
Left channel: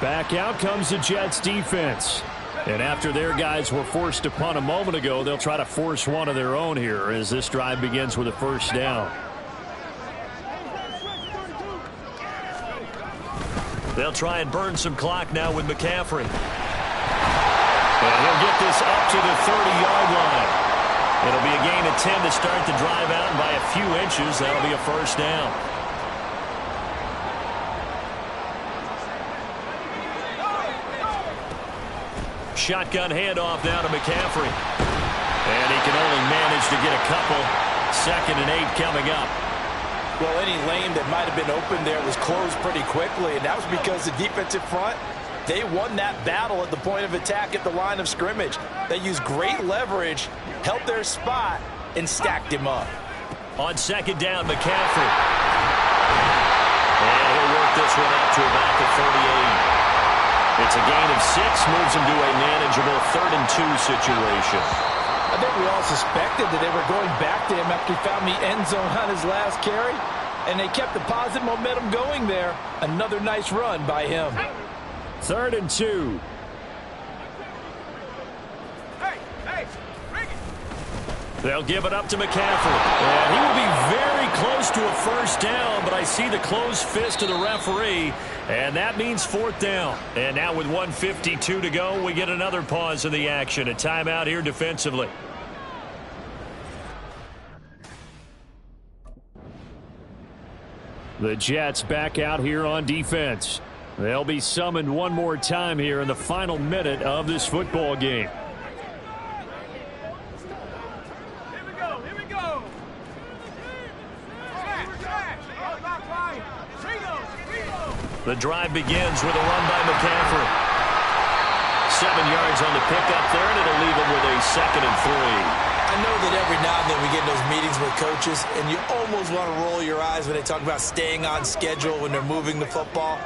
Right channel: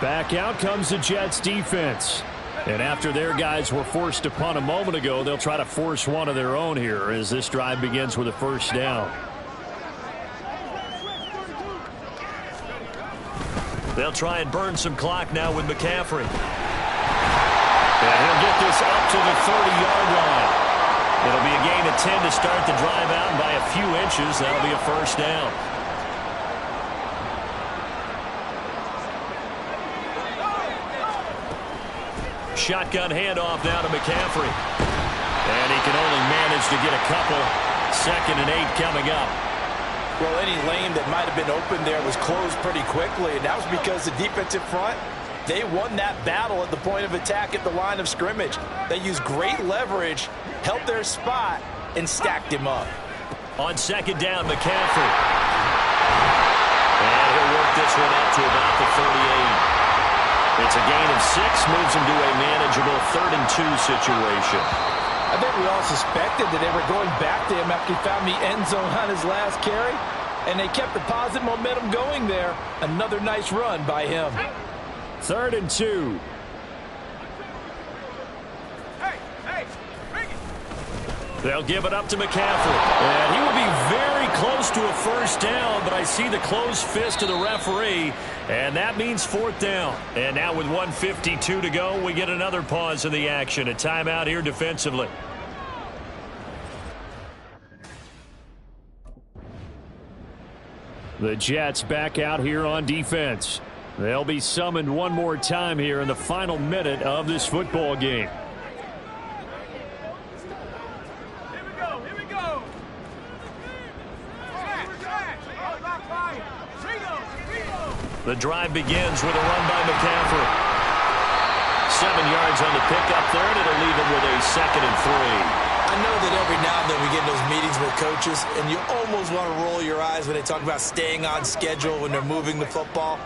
Back out comes the Jets defense. And after their guys were forced to punt a moment ago, they'll try to force one of their own here as this drive begins with a first down. They'll try and burn some clock now with McCaffrey. And he'll get this up to the 30-yard line. It'll be a gain of 10 to start the drive out, and by a few inches, that'll be a first down. Shotgun handoff now to McCaffrey. And he can only manage to get a couple. 2nd and 8 coming up. Well, any lane that might have been open there was closed pretty quickly, and that was because the defensive front, they won that battle at the point of attack at the line of scrimmage. They used great leverage, held their spot, and stacked him up. On 2nd down, McCaffrey. And he'll work this one up to about the 38. It's a gain of 6, moves him to a manageable 3rd and 2 situation. I think we all suspected that they were going back to him after he found the end zone on his last carry, and they kept the positive momentum going there. Another nice run by him. 3rd and 2. Hey, bring it. They'll give it up to McCaffrey. And he will be very close to a first down, but I see the closed fist of the referee, and that means 4th down. And now with 1:52 to go, we get another pause in the action. A timeout here defensively. The Jets back out here on defense. They'll be summoned one more time here in the final minute of this football game. Here we go. The drive begins with a run by McCaffrey. 7 yards on the pickup there, and it'll leave him with a 2nd and 3. I know that every now and then we get in those meetings with coaches, and you almost want to roll your eyes when they talk about staying on schedule when they're moving the football.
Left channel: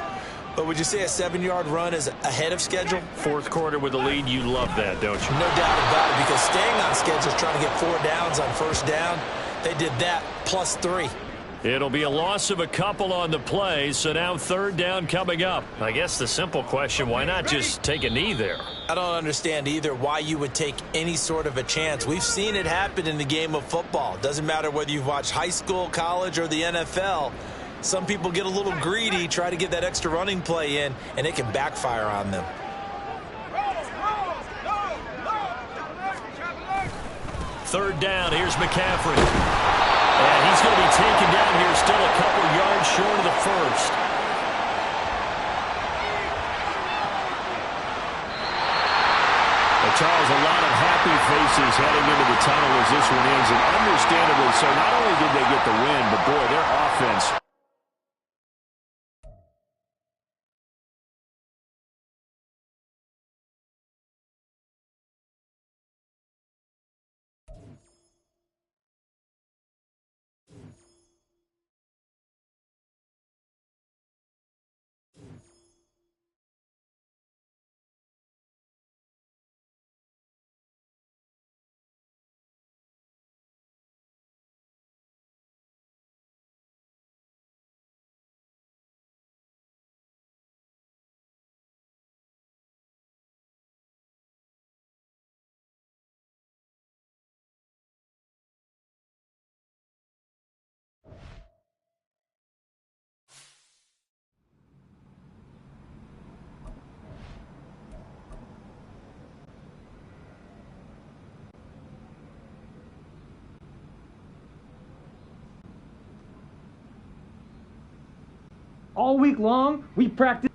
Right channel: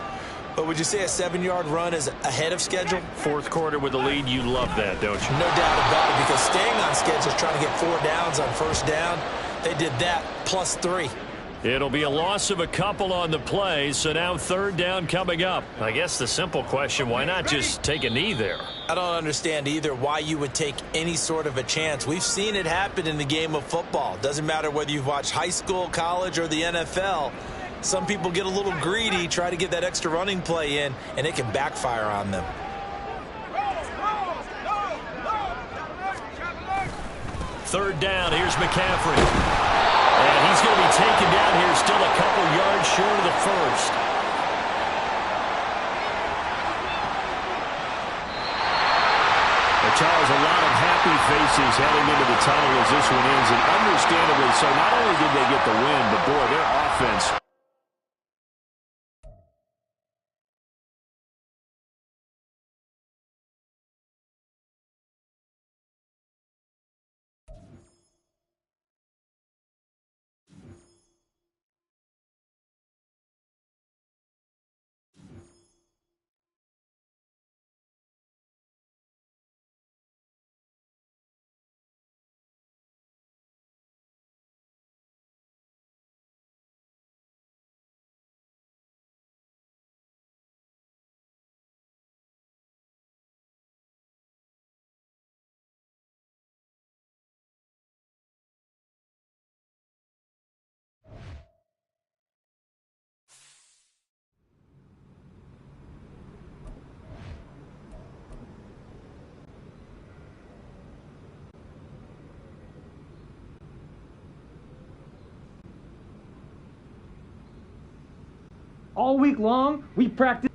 But would you say a 7-yard run is ahead of schedule? 4th quarter with the lead, you love that, don't you? No doubt about it, because staying on schedule is trying to get 4 downs on first down. They did that plus 3. It'll be a loss of a couple on the play, so now 3rd down coming up. I guess the simple question, why not just take a knee there? I don't understand either why you would take any sort of a chance. We've seen it happen in the game of football. Doesn't matter whether you've watched high school, college, or the NFL. Some people get a little greedy, try to get that extra running play in, and it can backfire on them. Third down, here's McCaffrey. And he's going to be taken down here, still a couple yards short of the first. Charles, a lot of happy faces heading into the tunnel as this one ends, and understandably so. Not only did they get the win, but boy, their offense. All week long, we practice.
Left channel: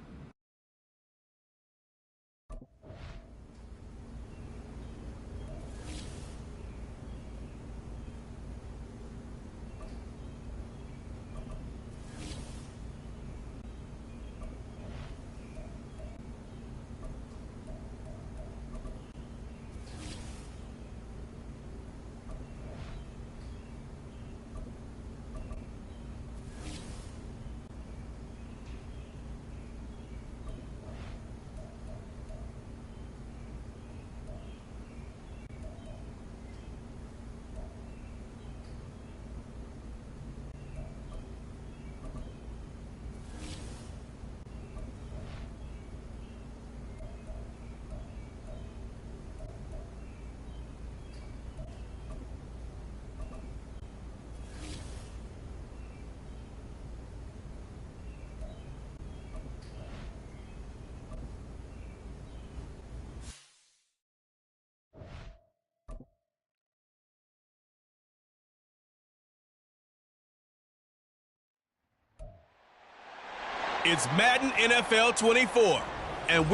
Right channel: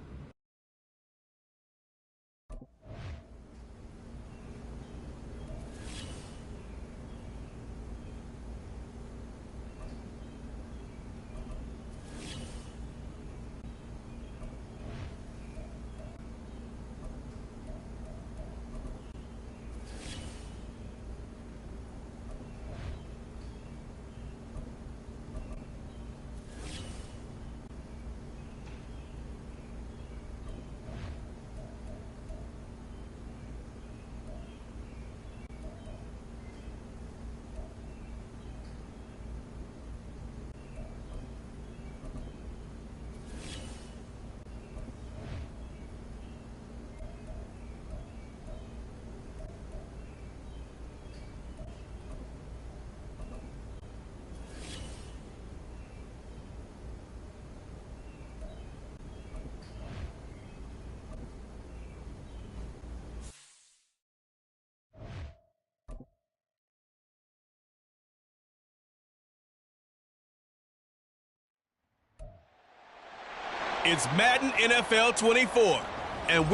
It's Madden NFL 24, and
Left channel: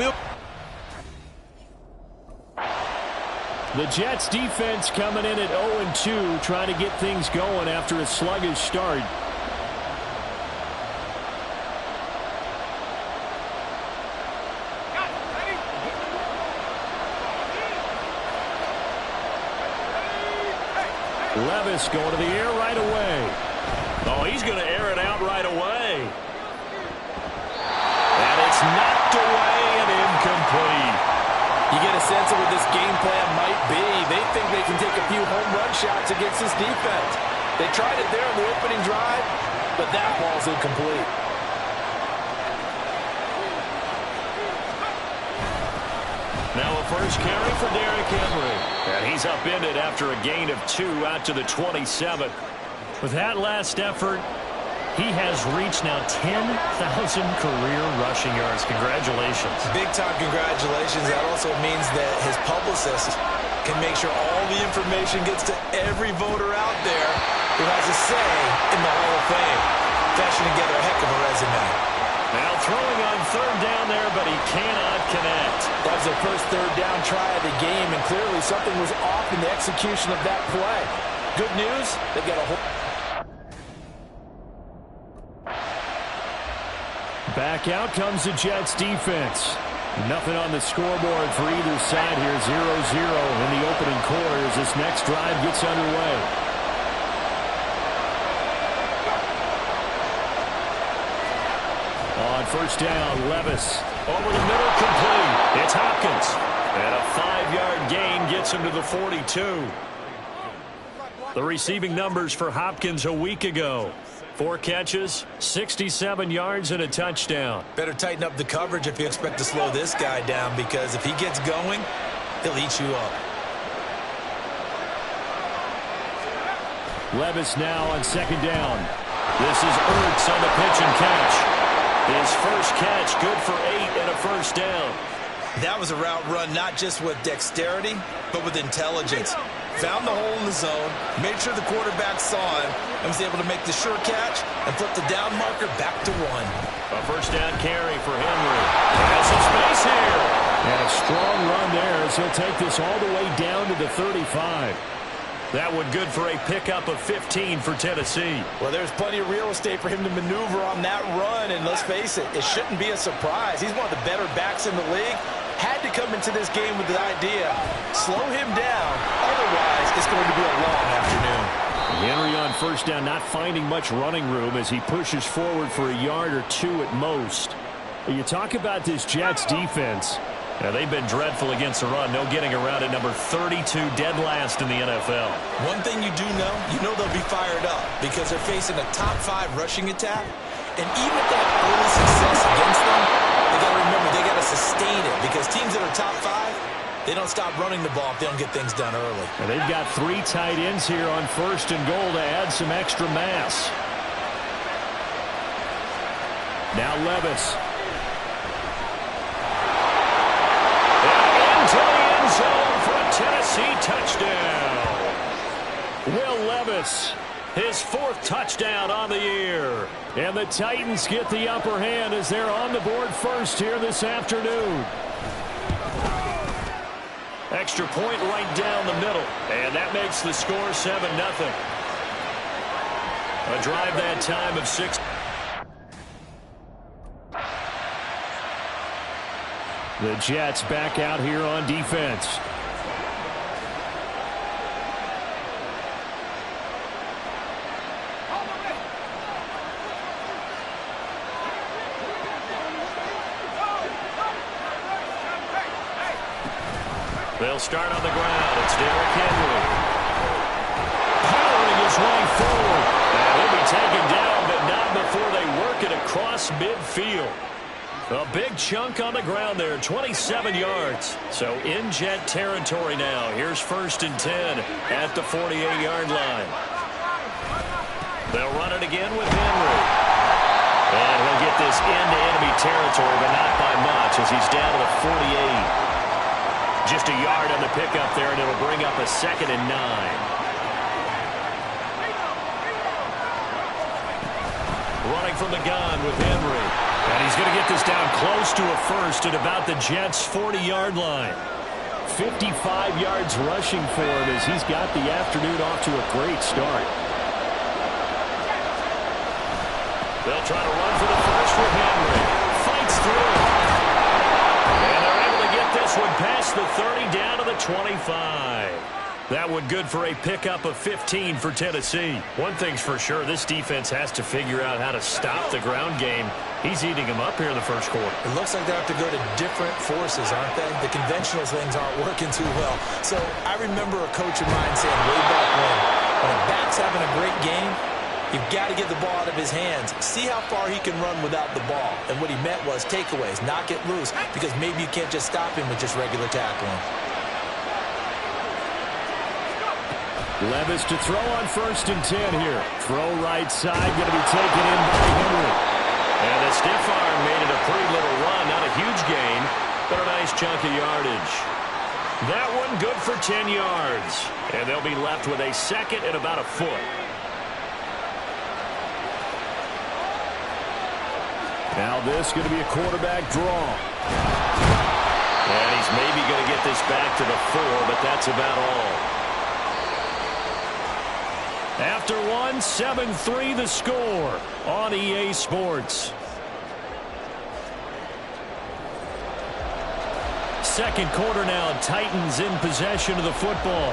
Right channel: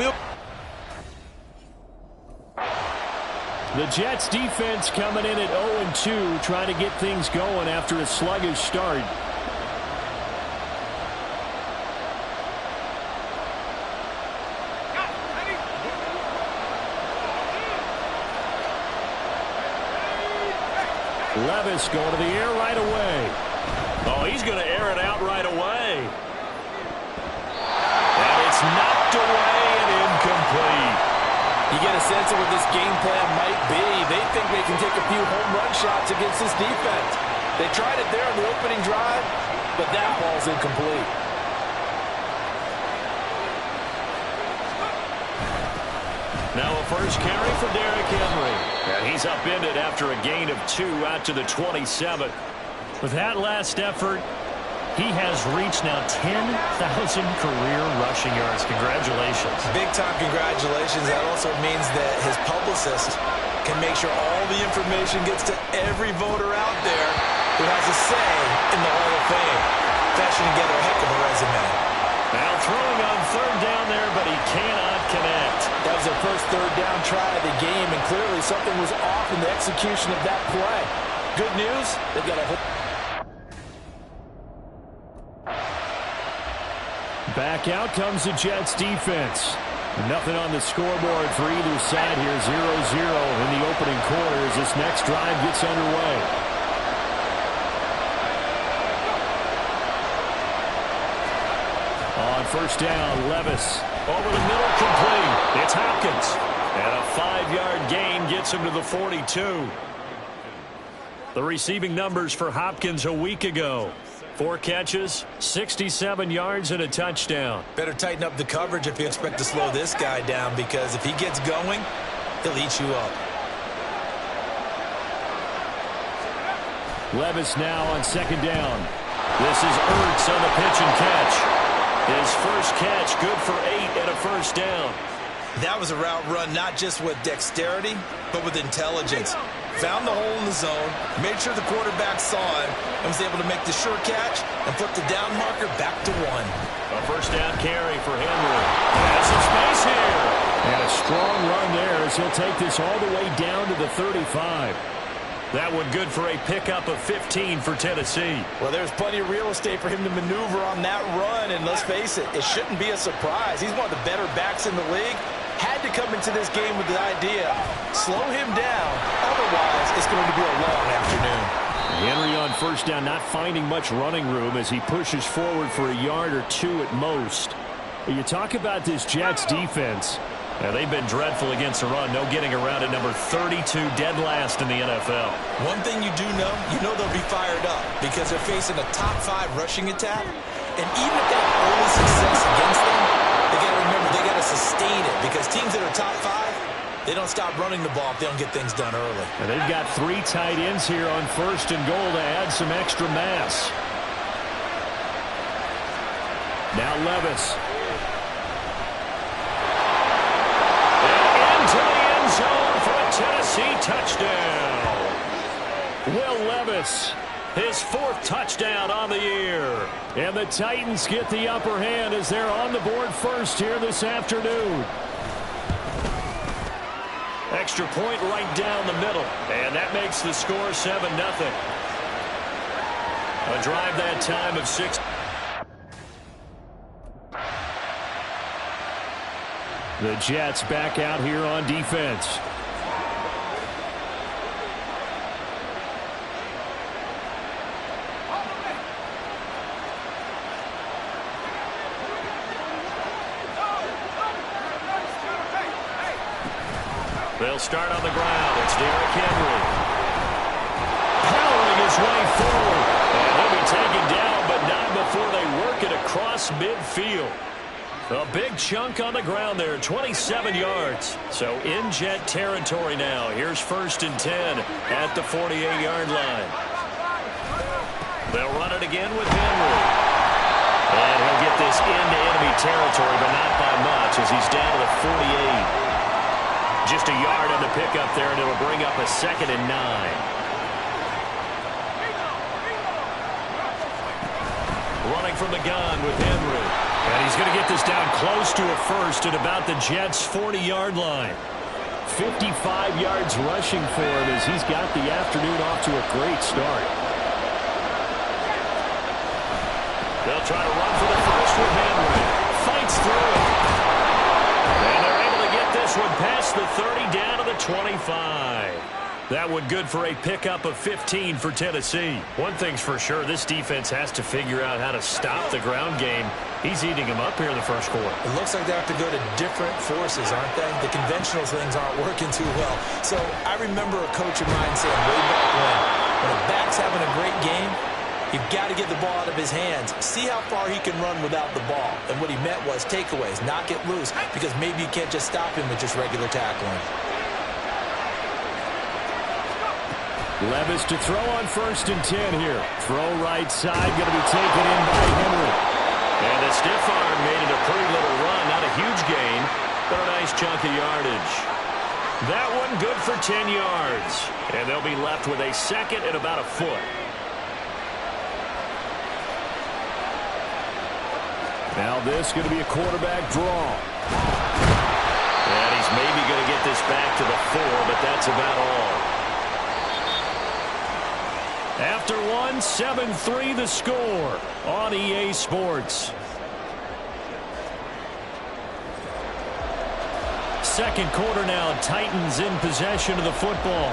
The Jets defense coming in at 0-2, trying to get things going after a sluggish start. Levis going to the air right away. Oh, he's going to air it out right away. And it's knocked away and incomplete. You get a sense of what this game plan might be. They think they can take a few home run shots against this defense. They tried it there on the opening drive, but that ball's incomplete. Now a first carry for Derrick Henry. And he's upended after a gain of 2 out to the 27. With that last effort, he has reached now 10,000 career rushing yards. Congratulations. Big-time congratulations. That also means that his publicist can make sure all the information gets to every voter out there who has a say in the Hall of Fame. Fashioning together a heck of a resume. Now throwing on third down there, but he cannot connect. That was their first third down try of the game, and clearly something was off in the execution of that play. Good news, they've got a whole... Back out comes the Jets defense. Nothing on the scoreboard for either side here. 0-0 in the opening quarter as this next drive gets underway. On first down, Levis over the middle, complete. It's Hopkins. And a 5-yard gain gets him to the 42. The receiving numbers for Hopkins a week ago. 4 catches, 67 yards, and a touchdown. Better tighten up the coverage if you expect to slow this guy down, because if he gets going, he'll eat you up. Levis now on second down. This is Ertz on the pitch and catch. His first catch, good for 8 and a first down. That was a route run not just with dexterity, but with intelligence. Found the hole in the zone, made sure the quarterback saw him, and was able to make the sure catch and flip the down marker back to 1. A first down carry for Henry. Has some space here. And a strong run there as he'll take this all the way down to the 35. That one good for a pickup of 15 for Tennessee. Well, there's plenty of real estate for him to maneuver on that run, and let's face it, it shouldn't be a surprise. He's one of the better backs in the league. Had to come into this game with the idea, slow him down, otherwise it's going to be a long afternoon. Henry on first down, not finding much running room as he pushes forward for a yard or 2 at most. You talk about this Jets defense. Now, they've been dreadful against the run. No getting around at number 32, dead last in the NFL. One thing you do know they'll be fired up because they're facing a top 5 rushing attack. And even if they have early success against them, they got to remember they got to sustain it because teams that are top 5, they don't stop running the ball if they don't get things done early. And they've got 3 tight ends here on first and goal to add some extra mass. Now Levis. To the end zone for a Tennessee touchdown. Will Levis, his 4th touchdown on the year. And the Titans get the upper hand as they're on the board first here this afternoon. Extra point right down the middle. And that makes the score 7-0. A drive that time of 6. The Jets back out here on defense. They'll start on the ground. It's Derrick Henry. Powering his way forward. And he'll be taken down, but not before they work it across midfield. A big chunk on the ground there, 27 yards. So in Jet territory now. Here's 1st and 10 at the 48-yard line. They'll run it again with Henry. And he'll get this into enemy territory, but not by much as he's down to the 48. Just a yard on the pickup there, and it'll bring up a 2nd and 9. Running from the gun with Henry. And he's going to get this down close to a first at about the Jets' 40-yard line. 55 yards rushing for him as he's got the afternoon off to a great start. They'll try to run for the first with Henry. Fights through it. And they're able to get this one past the 30 down to the 25. That one good for a pickup of 15 for Tennessee. One thing's for sure, this defense has to figure out how to stop the ground game. He's eating them up here in the first quarter. It looks like they have to go to different forces, aren't they? The conventional things aren't working too well. So I remember a coach of mine saying way back when a back's having a great game, you've got to get the ball out of his hands. See how far he can run without the ball. And what he meant was takeaways, not get loose, because maybe you can't just stop him with just regular tackling. Levis to throw on 1st and 10 here. Throw right side, going to be taken in by Henry. And the stiff arm made it a pretty little run. Not a huge gain, but a nice chunk of yardage. That one good for 10 yards. And they'll be left with a 2nd and about a foot. Now this is going to be a quarterback draw. And he's maybe going to get this back to the 4, but that's about all. After one, 7-3 the score on EA Sports. Second quarter now, Titans in possession of the football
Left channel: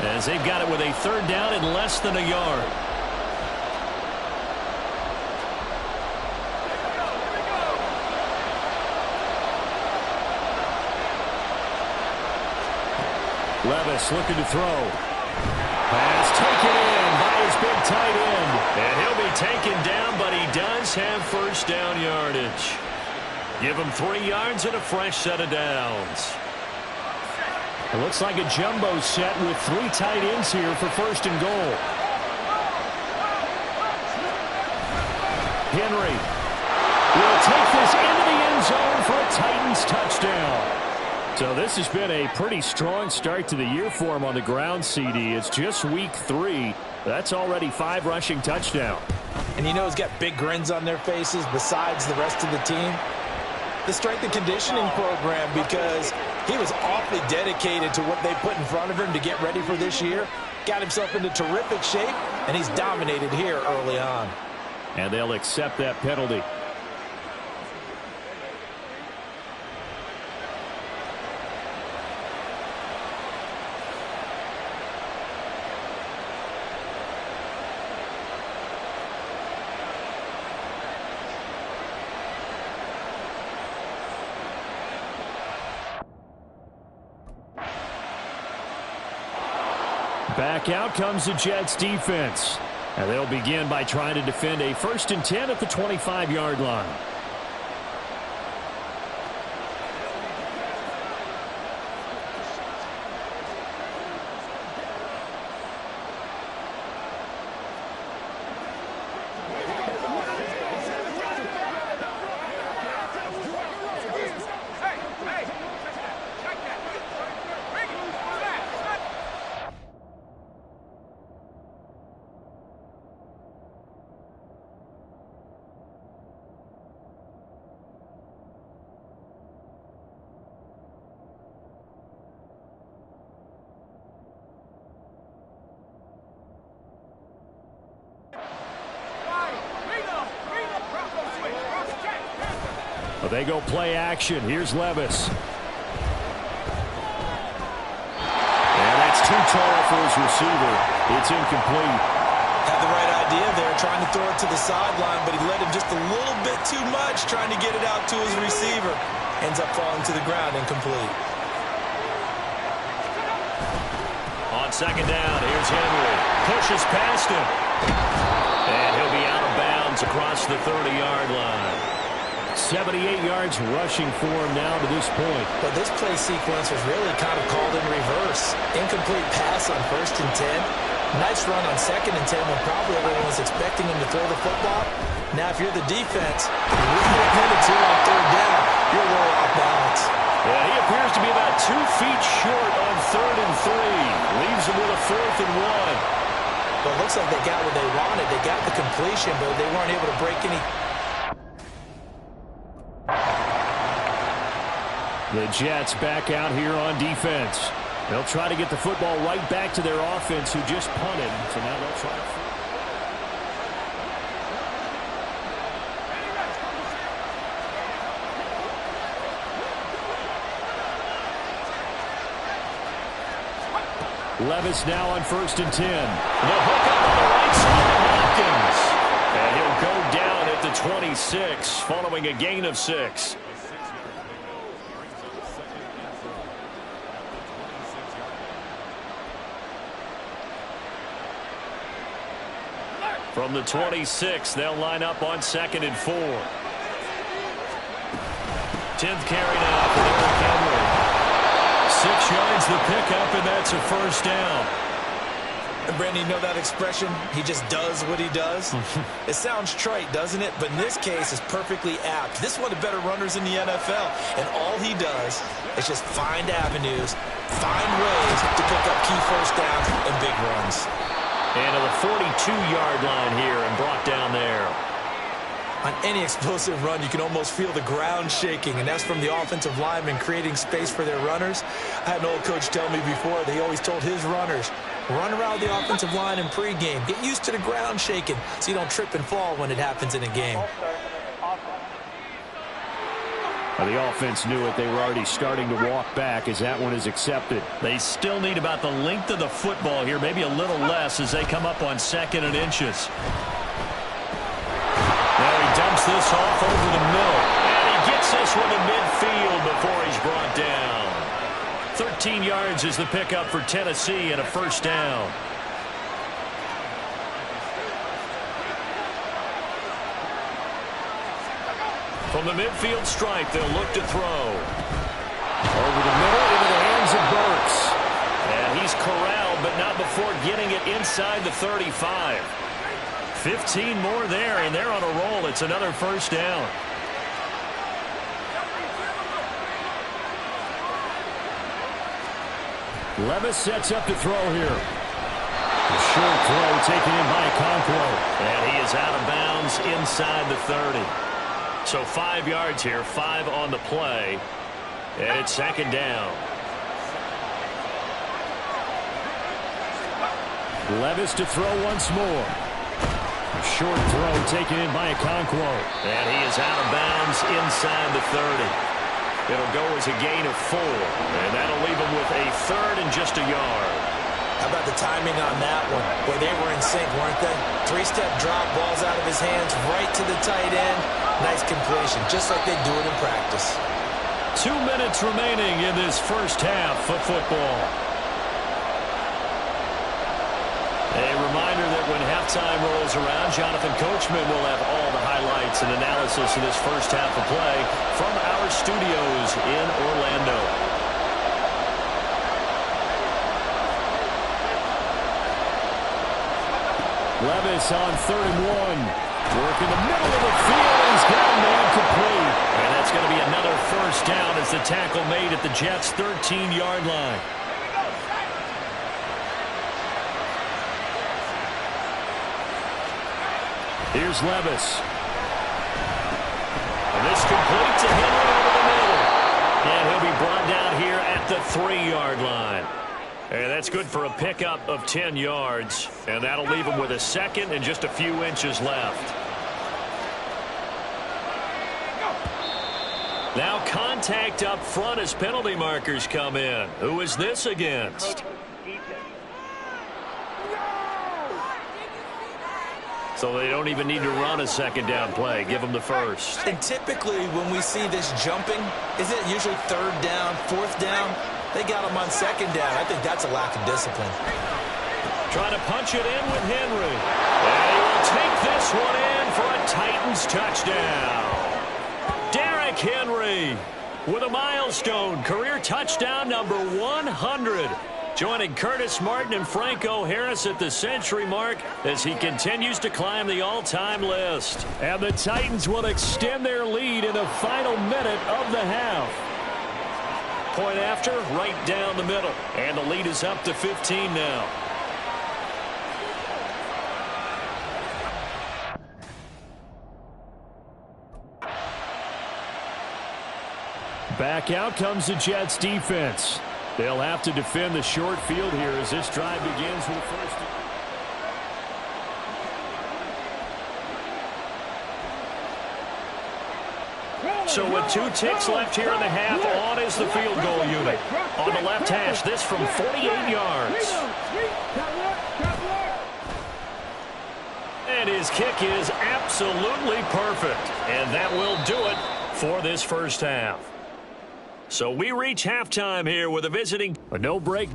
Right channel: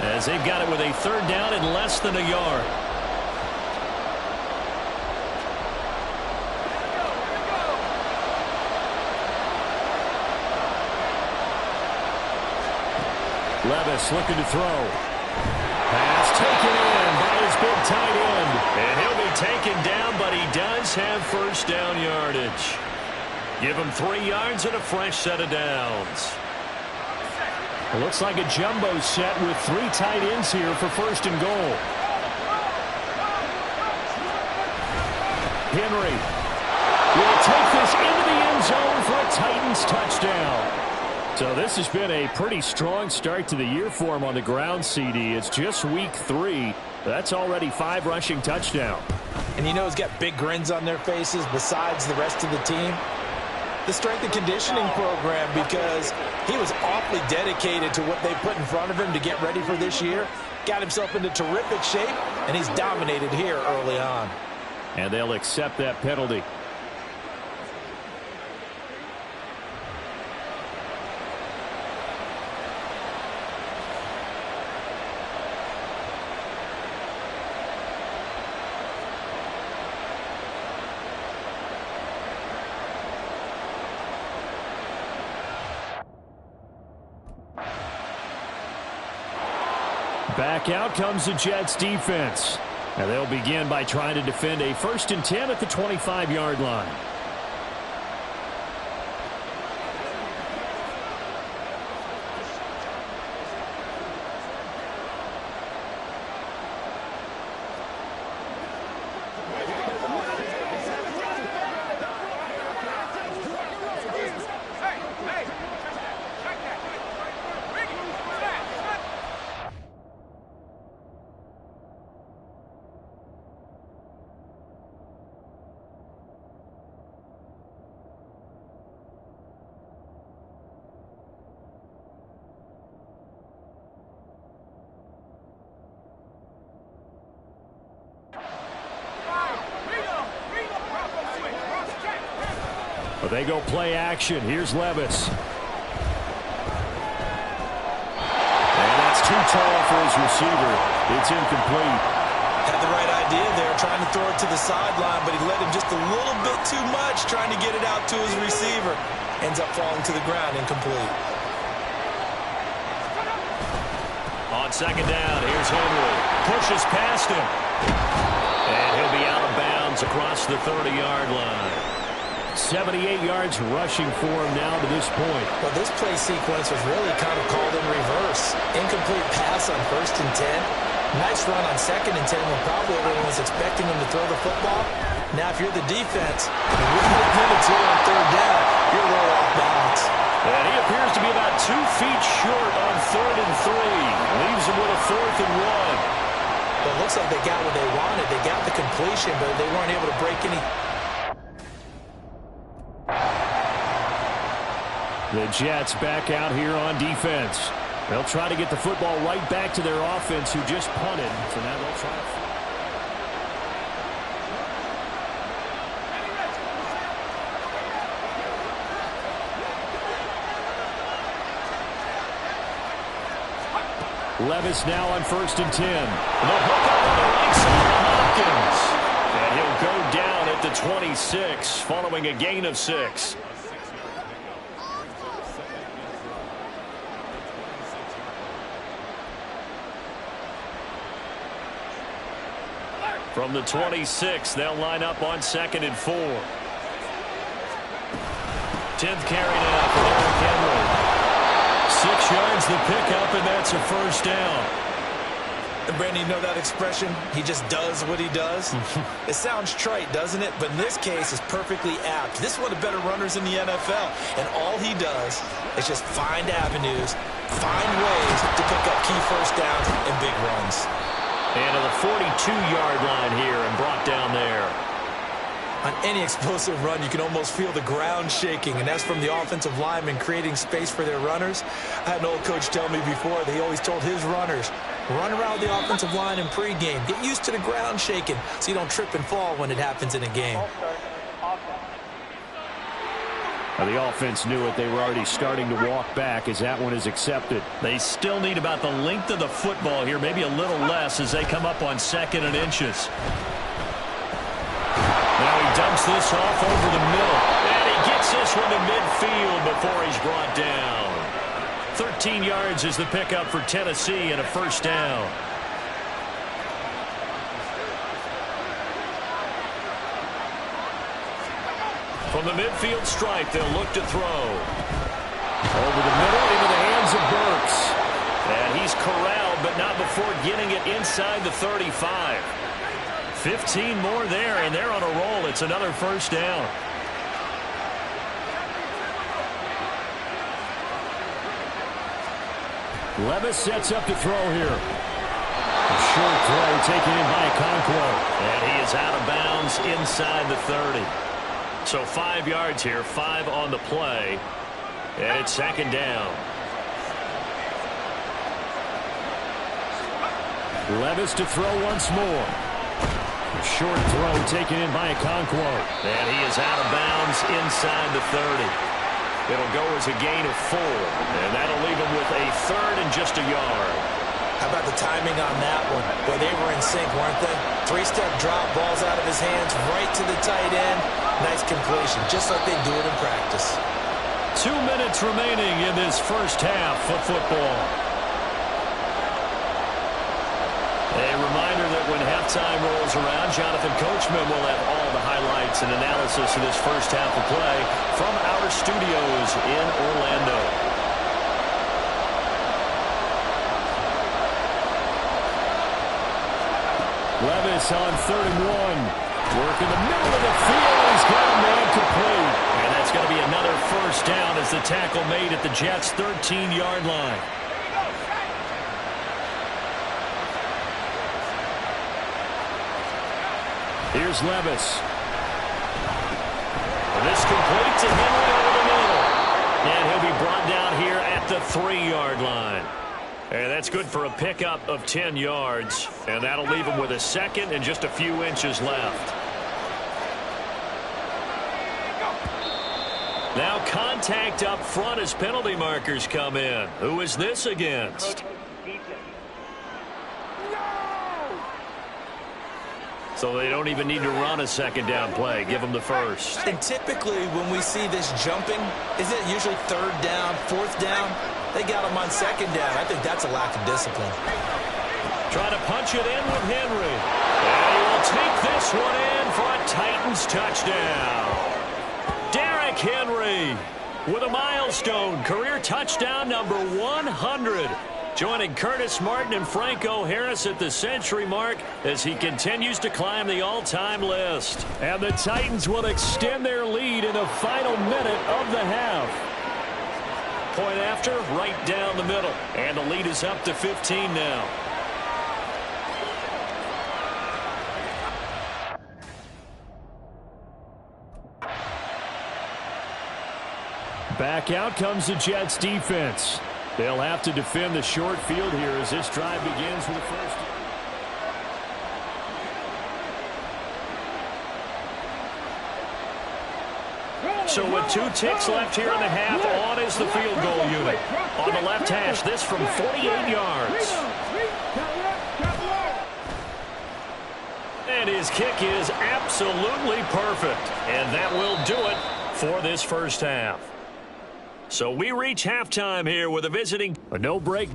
as they've got it with a 3rd down and less than a yard. Levis looking to throw. Pass taken in by his big tight end. And he'll be taken down, but he does have 1st down yardage. Give him 3 yards and a fresh set of downs. It looks like a jumbo set with 3 tight ends here for 1st and goal. Henry will take this into the end zone for a Titans touchdown. So this has been a pretty strong start to the year for him on the ground, CD. It's just week 3. That's already 5 rushing touchdowns. And you know he's got big grins on their faces besides the rest of the team. The strength and conditioning program, because he was awfully dedicated to what they put in front of him to get ready for this year. Got himself into terrific shape, and he's dominated here early on. And they'll accept that penalty. Back out comes the Jets defense. And they'll begin by trying to defend a 1st and 10 at the 25-yard line. Well, they go play action. Here's Levis. And that's too tall for his receiver. It's incomplete. Had the right idea there, trying to throw it to the sideline, but he led him just a little bit too much, trying to get it out to his receiver. Ends up falling to the ground, incomplete. On 2nd down, here's Henry. Pushes past him. And he'll be out of bounds across the 30-yard line. 78 yards rushing for him now to this point. Well, this play sequence was really kind of called in reverse. Incomplete pass on 1st and 10. Nice run on 2nd and 10 when probably everyone was expecting him to throw the football. Now, if you're the defense, with minutes here on 3rd down, you're a little off balance. And he appears to be about 2 feet short on 3rd and 3. Leaves him with a 4th and 1. Well, it looks like they got what they wanted. They got the completion, but they weren't able to break any. The Jets back out here on defense. They'll try to get the football right back to their offense who just punted. So now they'll try to... Levis now on 1st and 10. The hook up on the right side to Hopkins. And he'll go down at the 26 following a gain of 6. From the 26, they'll line up on 2nd and 4. 10th carry now for Eric Henry. 6 yards the pickup, and that's a 1st down. And Brandon, you know that expression? He just does what he does? It sounds trite, doesn't it? But in this case, it's perfectly apt. This is one of the better runners in the NFL. And all he does is just find avenues, find ways to pick up key 1st downs and big runs. And to the 42-yard line here and brought down there. On any explosive run, you can almost feel the ground shaking, and that's from the offensive linemen creating space for their runners. I had an old coach tell me before that he always told his runners, run around the offensive line in pregame. Get used to the ground shaking so you don't trip and fall when it happens in a game. Well, the offense knew it. They were already starting to walk back as that one is accepted. They still need about the length of the football here, maybe a little less as they come up on 2nd and inches. Now he dumps this off over the middle. And he gets this one to midfield before he's brought down. 13 yards is the pickup for Tennessee and a 1st down. From the midfield stripe, they'll look to throw. Over the middle into the hands of Burks. And he's corralled, but not before getting it inside the 35. 15 more there, and they're on a roll. It's another first down. Levis sets up to throw here. A short throw taken in by Okonkwo. And he is out of bounds inside the 30. So 5 yards here, 5 on the play. And it's second down. Levis to throw once more. A short throw taken in by Okonkwo. And he is out of bounds inside the 30. It'll go as a gain of 4. And that'll leave him with a third and just a yard. How about the timing on that one? Boy, they were in sync, weren't they? 3-step drop, balls out of his hands, right to the tight end. Nice completion, just like they do it in practice. 2 minutes remaining in this first half of football. A reminder that when halftime rolls around, Jonathan Coachman will have all the highlights and analysis of this first half of play from our studios in Orlando. Levis on 3rd and 1. Work in the middle of the field, and he's got a man complete. And that's going to be another first down as the tackle made at the Jets' 13-yard line. Here's Levis. And this complete to Henry over the middle. And he'll be brought down here at the 3-yard line. And that's good for a pickup of 10 yards. And that'll leave him with a second and just a few inches left. Now contact up front as penalty markers come in. Who is this against? So they don't even need to run a second down play. Give them the first. And typically when we see this jumping, is it usually 3rd down, 4th down? They got him on 2nd down. I think that's a lack of discipline. Trying to punch it in with Henry. And he will take this one in for a Titans touchdown. Derrick Henry with a milestone career touchdown number 100. Joining Curtis Martin and Franco Harris at the century mark as he continues to climb the all-time list. And the Titans will extend their lead in the final minute of the half. Point after, right down the middle. And the lead is up to 15 now. Back out comes the Jets defense. They'll have to defend the short field here as this drive begins with the first. So with 2 ticks left here in the half, on is the field goal unit. On the left hash, this from 48 yards. And his kick is absolutely perfect. And that will do it for this first half. So we reach halftime here with a no break.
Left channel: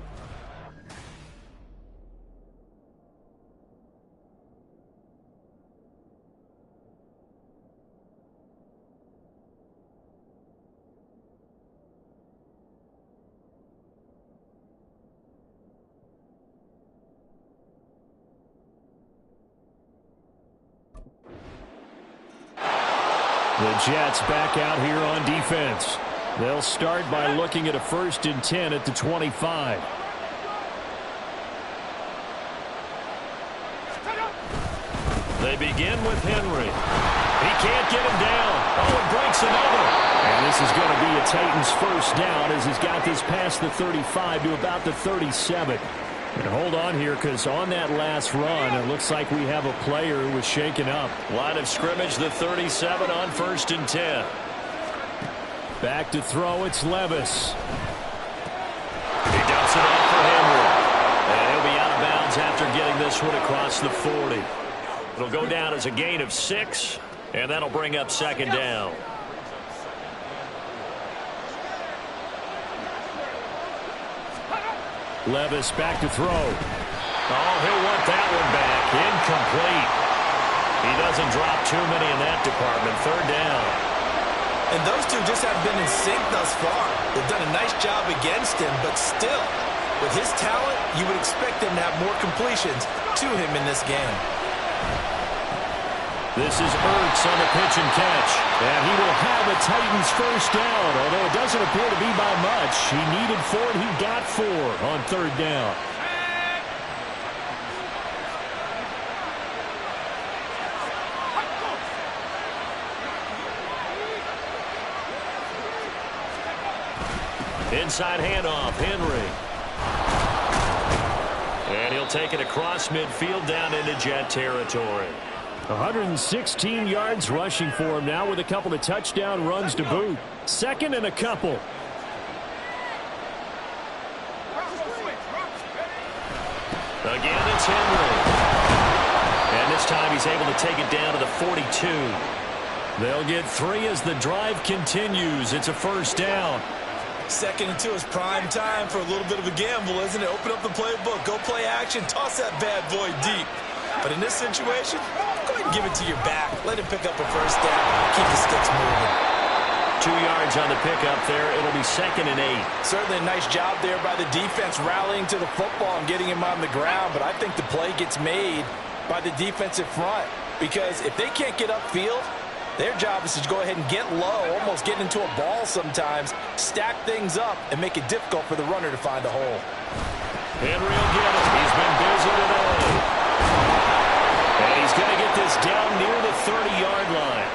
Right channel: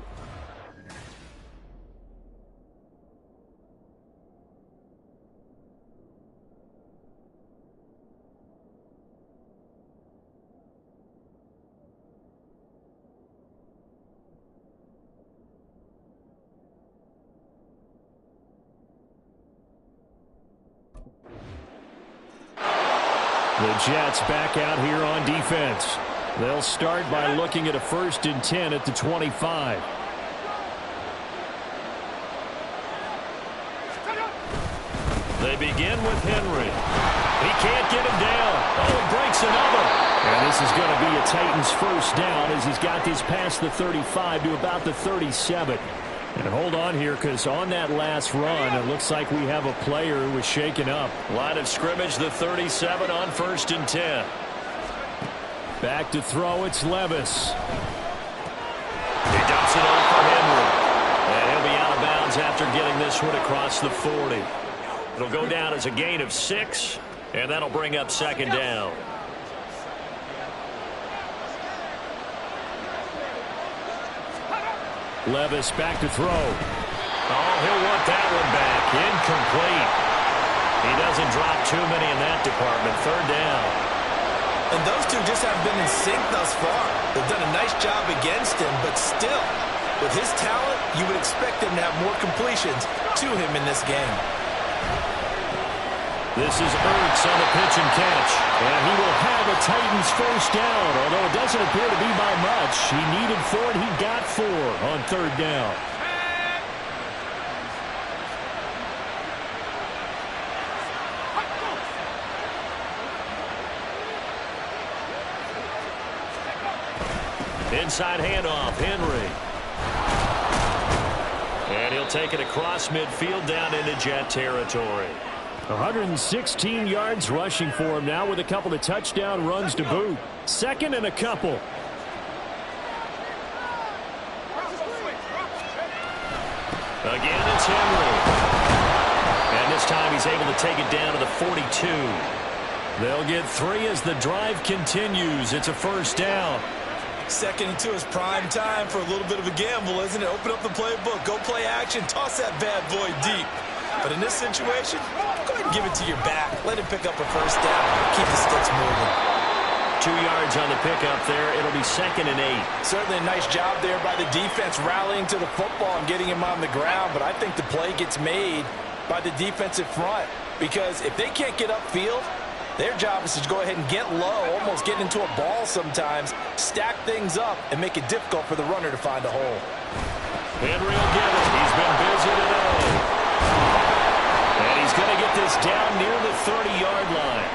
The Jets back out here on defense. They'll start by looking at a 1st and 10 at the 25. They begin with Henry. He can't get him down. Oh, he breaks another. And this is going to be a Titans first down as he's got this past the 35 to about the 37. And hold on here, because on that last run, it looks like we have a player who was shaken up. Line of scrimmage, the 37 on 1st and 10. Back to throw, it's Levis. He dumps it off for Henry. And he'll be out of bounds after getting this one across the 40. It'll go down as a gain of 6, and that'll bring up second down. Levis back to throw. Oh, he'll want that one back. Incomplete. He doesn't drop too many in that department. 3rd down. And those two just haven't been in sync thus far. They've done a nice job against him, but still, with his talent, you would expect them to have more completions to him in this game. This is Ertz on the pitch and catch. And he will have a Titans first down, although it doesn't appear to be by much. He needed 4, and he got 4 on third down. Inside handoff, Henry. And he'll take it across midfield down into Jet territory. 116 yards rushing for him now with a couple of touchdown runs to boot. Second and a couple. Again, it's Henry. And this time he's able to take it down to the 42. They'll get 3 as the drive continues. It's a first down. 2nd and 2 is prime time for a little bit of a gamble, isn't it? Open up the playbook, go play action, toss that bad boy deep. But in this situation, go ahead and give it to your back. Let him pick up a first down. Keep the sticks moving. 2 yards on the pickup there. It'll be 2nd and 8. Certainly a nice job there by the defense rallying to the football and getting him on the ground. But I think the play gets made by the defensive front. Because if they can't get upfield, their job is to go ahead and get low, almost get into a ball sometimes, stack things up, and make it difficult for the runner to find a hole. Henry will get it. He's been busy today. And he's going to get this down near the 30-yard line.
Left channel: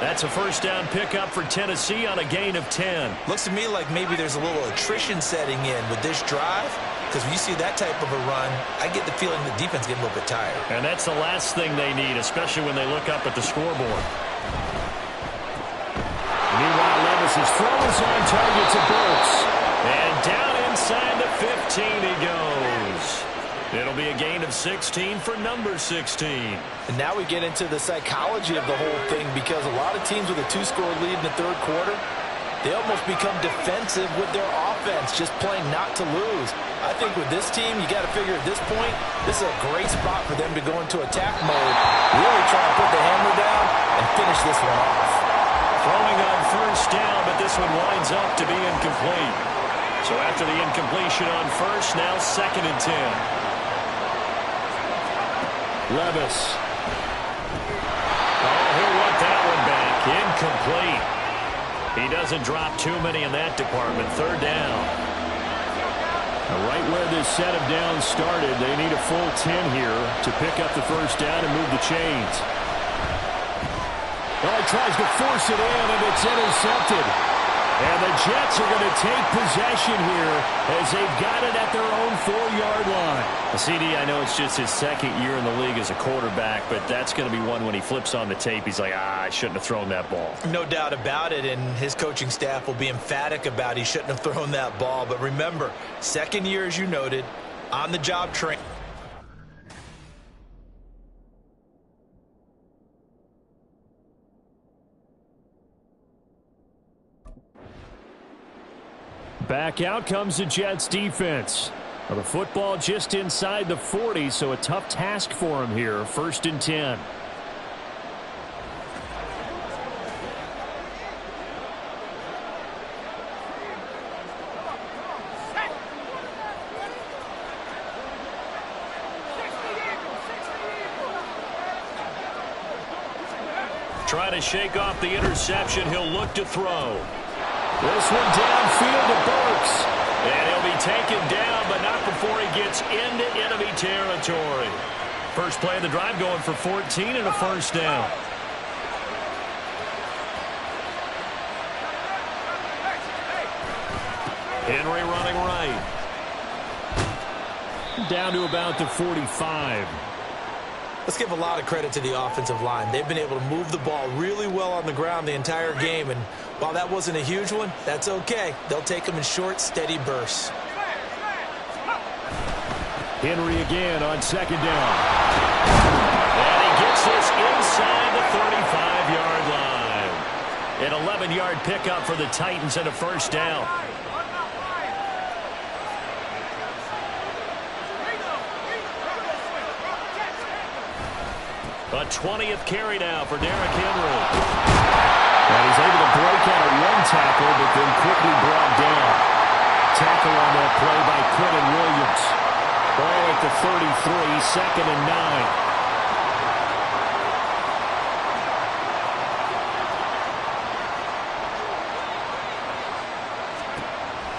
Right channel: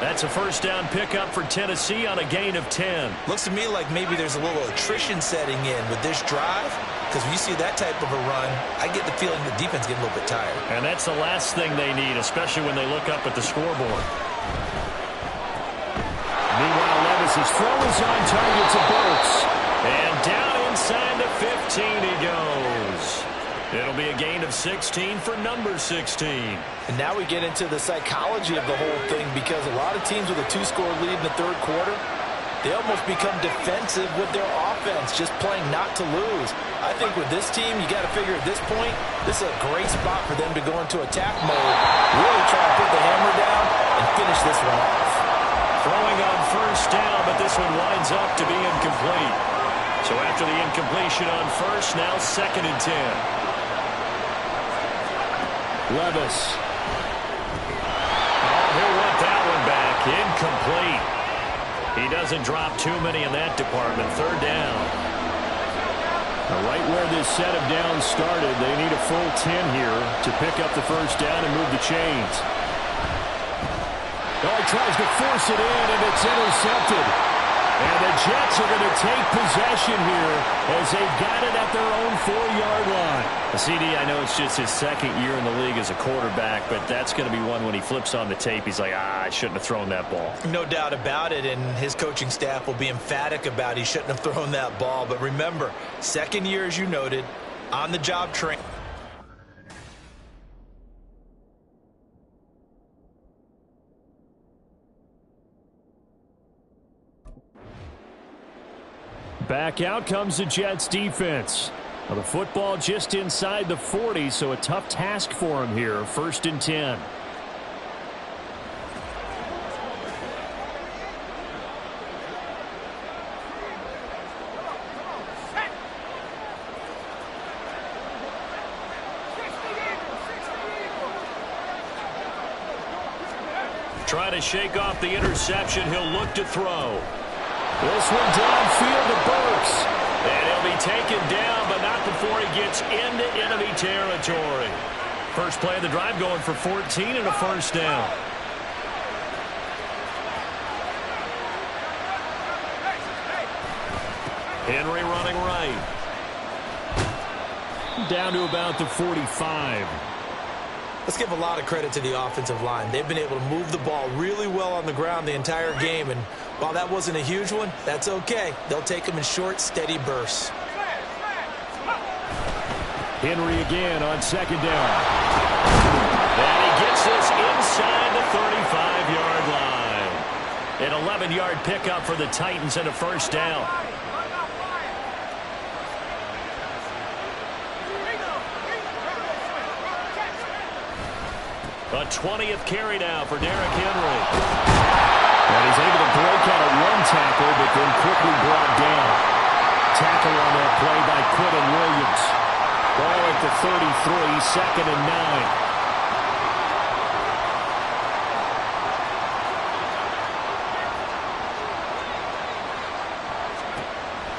That's a first down pickup for Tennessee on a gain of 10. Looks to me like maybe there's a little attrition setting in with this drive. Because when you see that type of a run, I get the feeling the defense getting a little bit tired. And that's the last thing they need, especially when they look up at the scoreboard. Meanwhile, Levis's throw is on target to Burks. And down inside the 15 he goes. It'll be a gain of 16 for number 16. And now we get into the psychology of the whole thing, because a lot of teams with a 2-score lead in the third quarter, they almost become defensive with their offense, just playing not to lose. I think with this team, you got to figure at this point, this is a great spot for them to go into attack mode, really try and put the hammer down and finish this one off. Throwing on first down, but this one winds up to be incomplete. So after the incompletion on first, now 2nd and 10. Levis. Oh, he'll want that one back. Incomplete. He doesn't drop too many in that department. Third down. Now, right where this set of downs started, they need a full 10 here to pick up the first down and move the chains. Oh, he tries to force it in, and it's intercepted. And the Jets are going to take possession here as they've got it at their own 4-yard line. CD, I know it's just his 2nd year in the league as a quarterback, but that's going to be one when he flips on the tape. He's like, I shouldn't have thrown that ball. No doubt about it, and his coaching staff will be emphatic about he shouldn't have thrown that ball. But remember, 2nd year, as you noted, on-the-job training. Back out comes the Jets defense. Well, the football just inside the 40, so a tough task for him here. 1st and 10. Trying to shake off the interception. He'll look to throw. This one downfield to Burks. And he'll be taken down, but not before he gets into enemy territory. First play of the drive going for 14 and a first down. Henry running right. Down to about the 45. Let's give a lot of credit to the offensive line. They've been able to move the ball really well on the ground the entire game. And while that wasn't a huge one, that's okay. They'll take them in short, steady bursts. Henry again on 2nd down. And he gets this inside the 35-yard line. An 11-yard pickup for the Titans and a first down. A 20th carry now for Derrick Henry. And he's able to break out of one tackle, but then quickly brought down. Tackle on that play by Quinton Williams. Ball at the 33, 2nd and 9.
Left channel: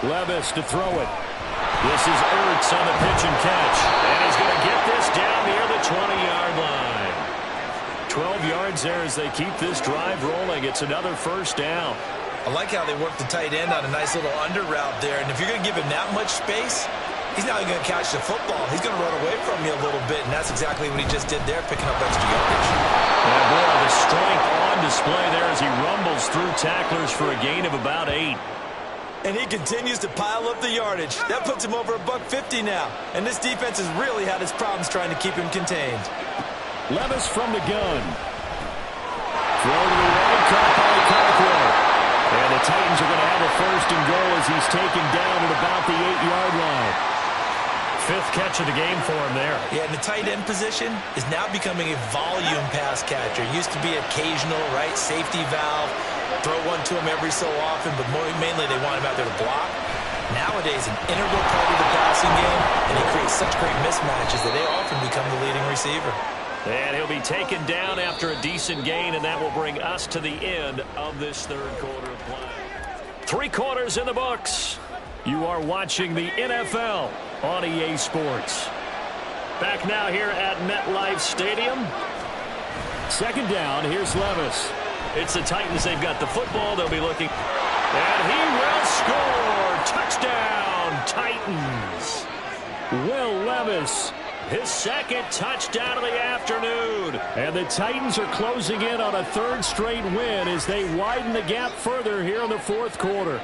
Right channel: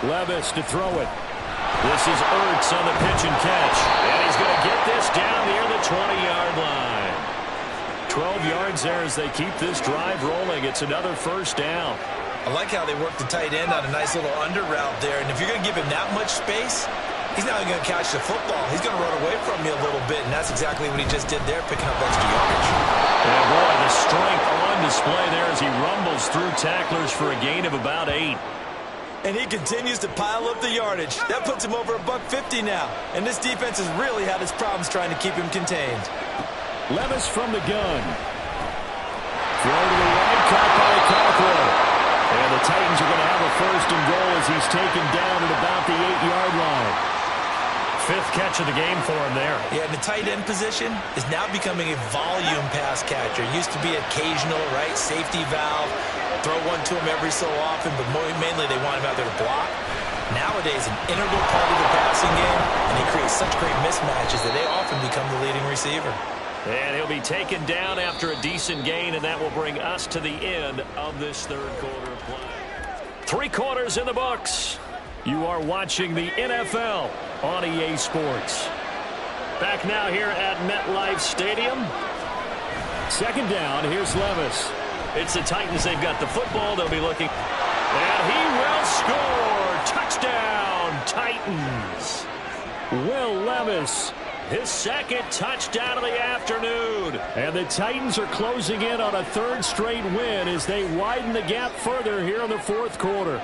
Levis to throw it. This is Ertz on the pitch and catch. And he's going to get this down near the 20-yard line. 12 yards there as they keep this drive rolling. It's another first down. I like how they work the tight end on a nice little under route there. And if you're going to give him that much space, he's not going to catch the football. He's going to run away from you a little bit, and that's exactly what he just did there, picking up extra yardage. Yeah, boy, the strength on display there as he rumbles through tacklers for a gain of about 8. And he continues to pile up the yardage. That puts him over $150 now. And this defense has really had its problems trying to keep him contained. Levis from the gun. Throw to the right, caught by Cockrell. And the Titans are going to have a first and goal as he's taken down at about the 8-yard line. 5th catch of the game for him there. Yeah, and the tight end position is now becoming a volume pass catcher. It used to be occasional, right, safety valve. Throw one to him every so often, but mainly they want him out there to block. Nowadays, an integral part of the passing game, and he creates such great mismatches that they often become the leading receiver. And he'll be taken down after a decent gain, and that will bring us to the end of this third quarter play. 3 quarters in the books. You are watching the NFL on EA Sports. Back now here at MetLife Stadium. Second down, here's Levis. It's the Titans. They've got the football. They'll be looking. And he will score. Touchdown, Titans. Will Levis, his 2nd touchdown of the afternoon. And the Titans are closing in on a 3rd straight win as they widen the gap further here in the 4th quarter.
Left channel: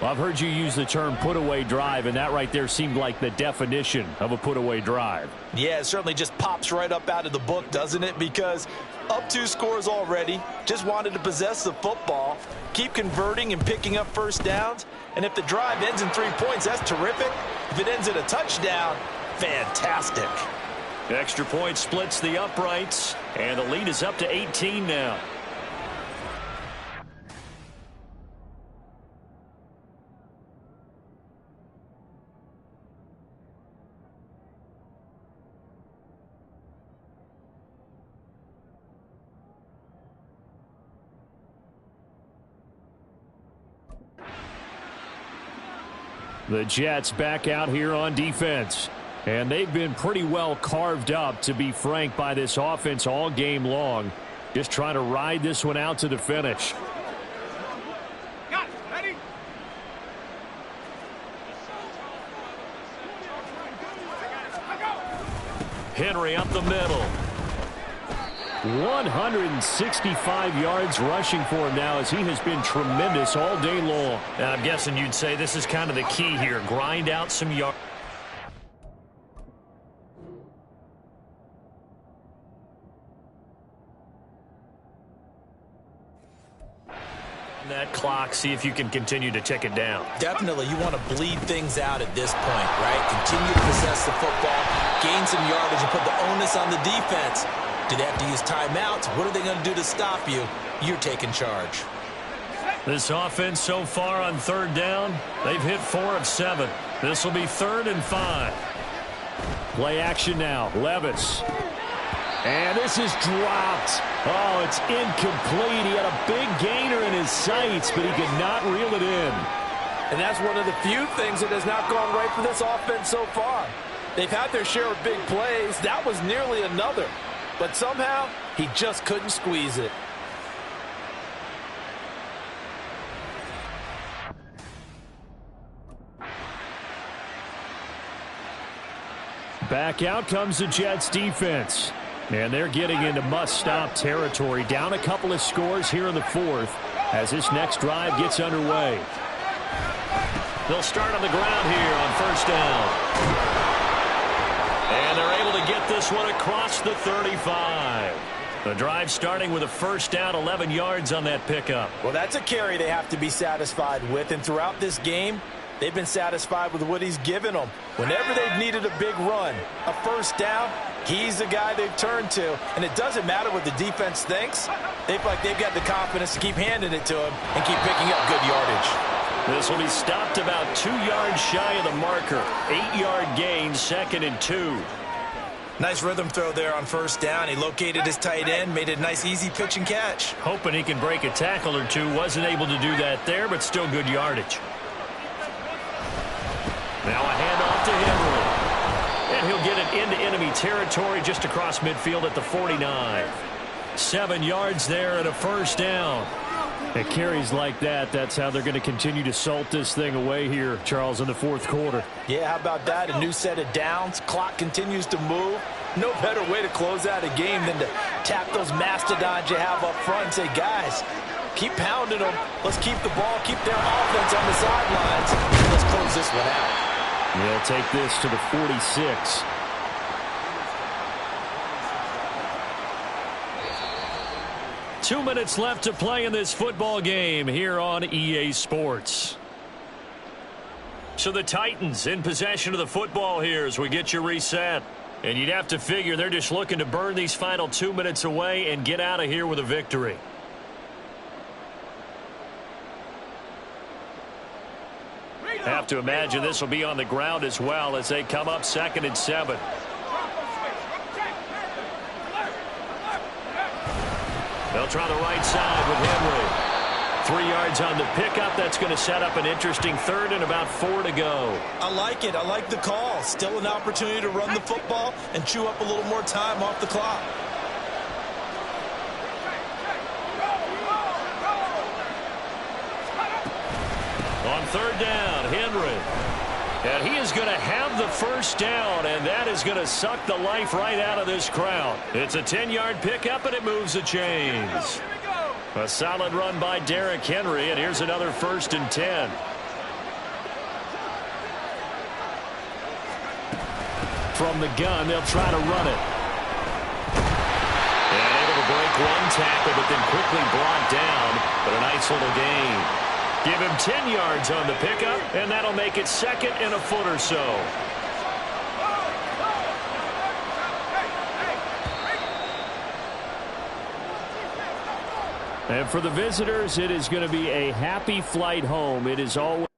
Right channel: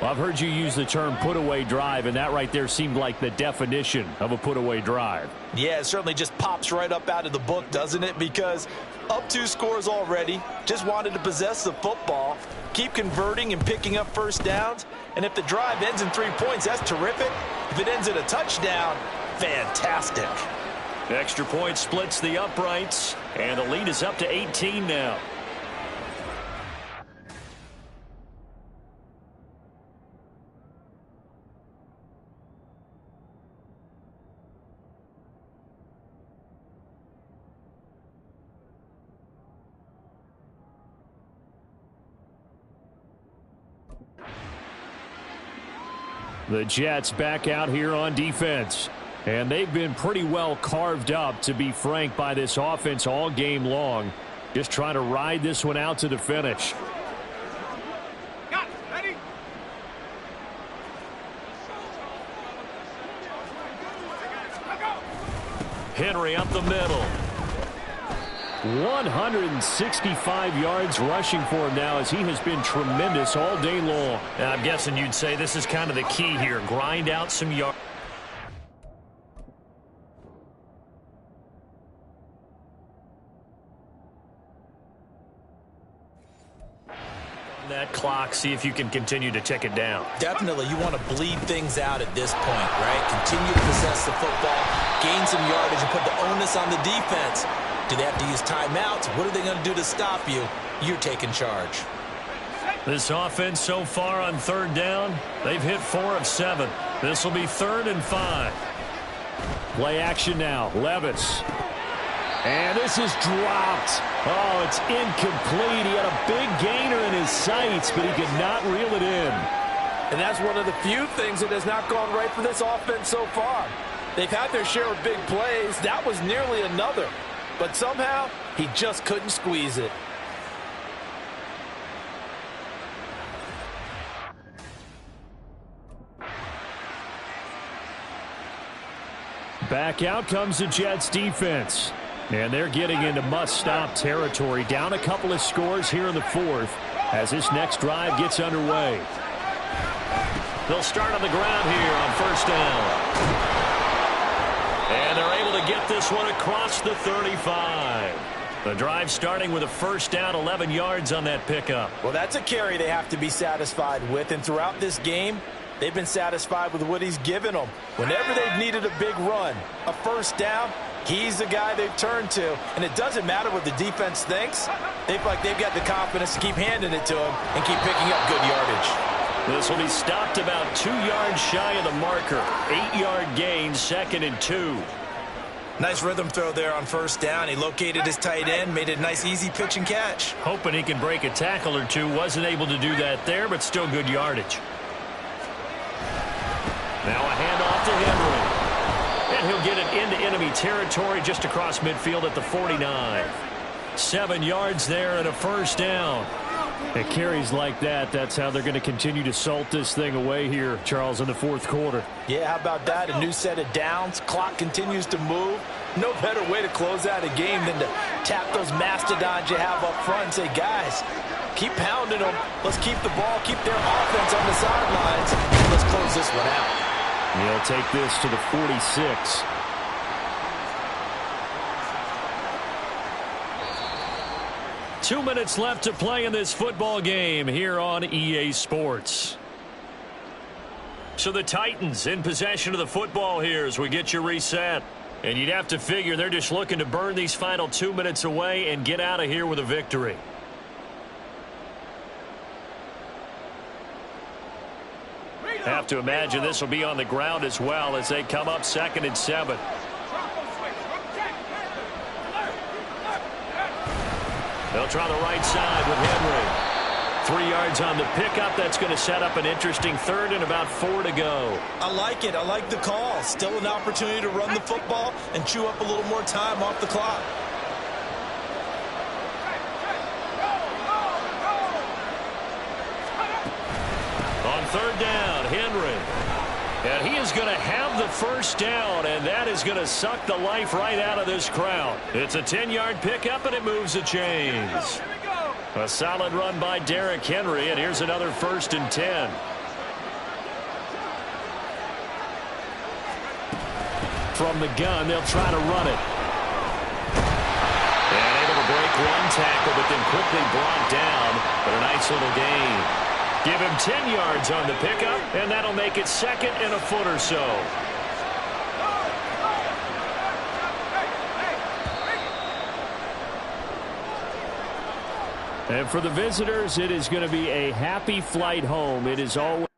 Well, I've heard you use the term put-away drive, and that right there seemed like the definition of a put-away drive. Yeah, it certainly just pops right up out of the book, doesn't it? Because up 2 scores already, just wanted to possess the football, keep converting and picking up first downs. And if the drive ends in 3 points, that's terrific. If it ends in a touchdown, fantastic. The extra point splits the uprights, and the lead is up to 18 now. The Jets back out here on defense. And they've been pretty well carved up, to be frank, by this offense all game long. Just trying to ride this one out to the finish. Got it. Ready? Henry up the middle. 165 yards rushing for him now as he has been tremendous all day long. Now, I'm guessing you'd say this is kind of the key here. Grind out some yards. That clock, see if you can continue to tick it down. Definitely, you want to bleed things out at this point, right? Continue to possess the football, gain some yardage, and put the onus on the defense. Do they have to use timeouts? What are they going to do to stop you? You're taking charge. This offense so far on 3rd down, they've hit 4 of 7. This will be 3rd and 5. Play action now. Levis. And this is dropped. Oh, it's incomplete. He had a big gainer in his sights, but he could not reel it in. And that's one of the few things that has not gone right for this offense so far. They've had their share of big plays. That was nearly another. But somehow, he just couldn't squeeze it. Back out comes the Jets defense. And they're getting into must-stop territory. Down a couple of scores here in the 4th as this next drive gets underway. They'll start on the ground here on 1st down. And they're able to get this one across the 35. The drive starting with a 1st down, 11 yards on that pickup. Well, that's a carry they have to be satisfied with. And throughout this game, they've been satisfied with what he's given them. Whenever they've needed a big run, a 1st down, he's the guy they've turned to. And it doesn't matter what the defense thinks. They feel like they've got the confidence to keep handing it to him and keep picking up good yardage. This will be stopped about 2 yards shy of the marker. 8-yard gain, 2nd and 2. Nice rhythm throw there on 1st down. He located his tight end, made a nice easy pitch and catch. Hoping he can break a tackle or two. Wasn't able to do that there, but still good yardage. Now a handoff to Henry. And he'll get it into enemy territory just across midfield at the 49. 7 yards there and a first down. It carries like that. That's how they're going to continue to salt this thing away here, Charles, in the fourth quarter. Yeah, how about that? A new set of downs. Clock continues to move. No better way to close out a game than to tap those mastodons you have up front and say, guys, keep pounding them. Let's keep the ball, keep their offense on the sidelines, and let's close this one out. He'll take this to the 46. Two minutes left to play in this football game here on EA Sports. So the Titans in possession of the football here as we get you reset. And you'd have to figure they're just looking to burn these final 2 minutes away and get out of here with a victory. Have to imagine this will be on the ground as well as they come up 2nd and 7. They'll try the right side with Henry. 3 yards on the pickup. That's going to set up an interesting 3rd and about 4 to go. I like it. I like the call. Still an opportunity to run the football and chew up a little more time off the clock. On 3rd down, Henry. And he is going to have the first down, and that is going to suck the life right out of this crowd. It's a 10-yard pickup, and it moves the chains. A solid run by Derrick Henry, and here's another 1st and 10. From the gun, they'll try to run it. And able to break one tackle, but then quickly brought down. But a nice little gain. Give him 10 yards on the pickup, and that'll make it 2nd and a foot or so. And for the visitors, it is going to be a happy flight home. It is always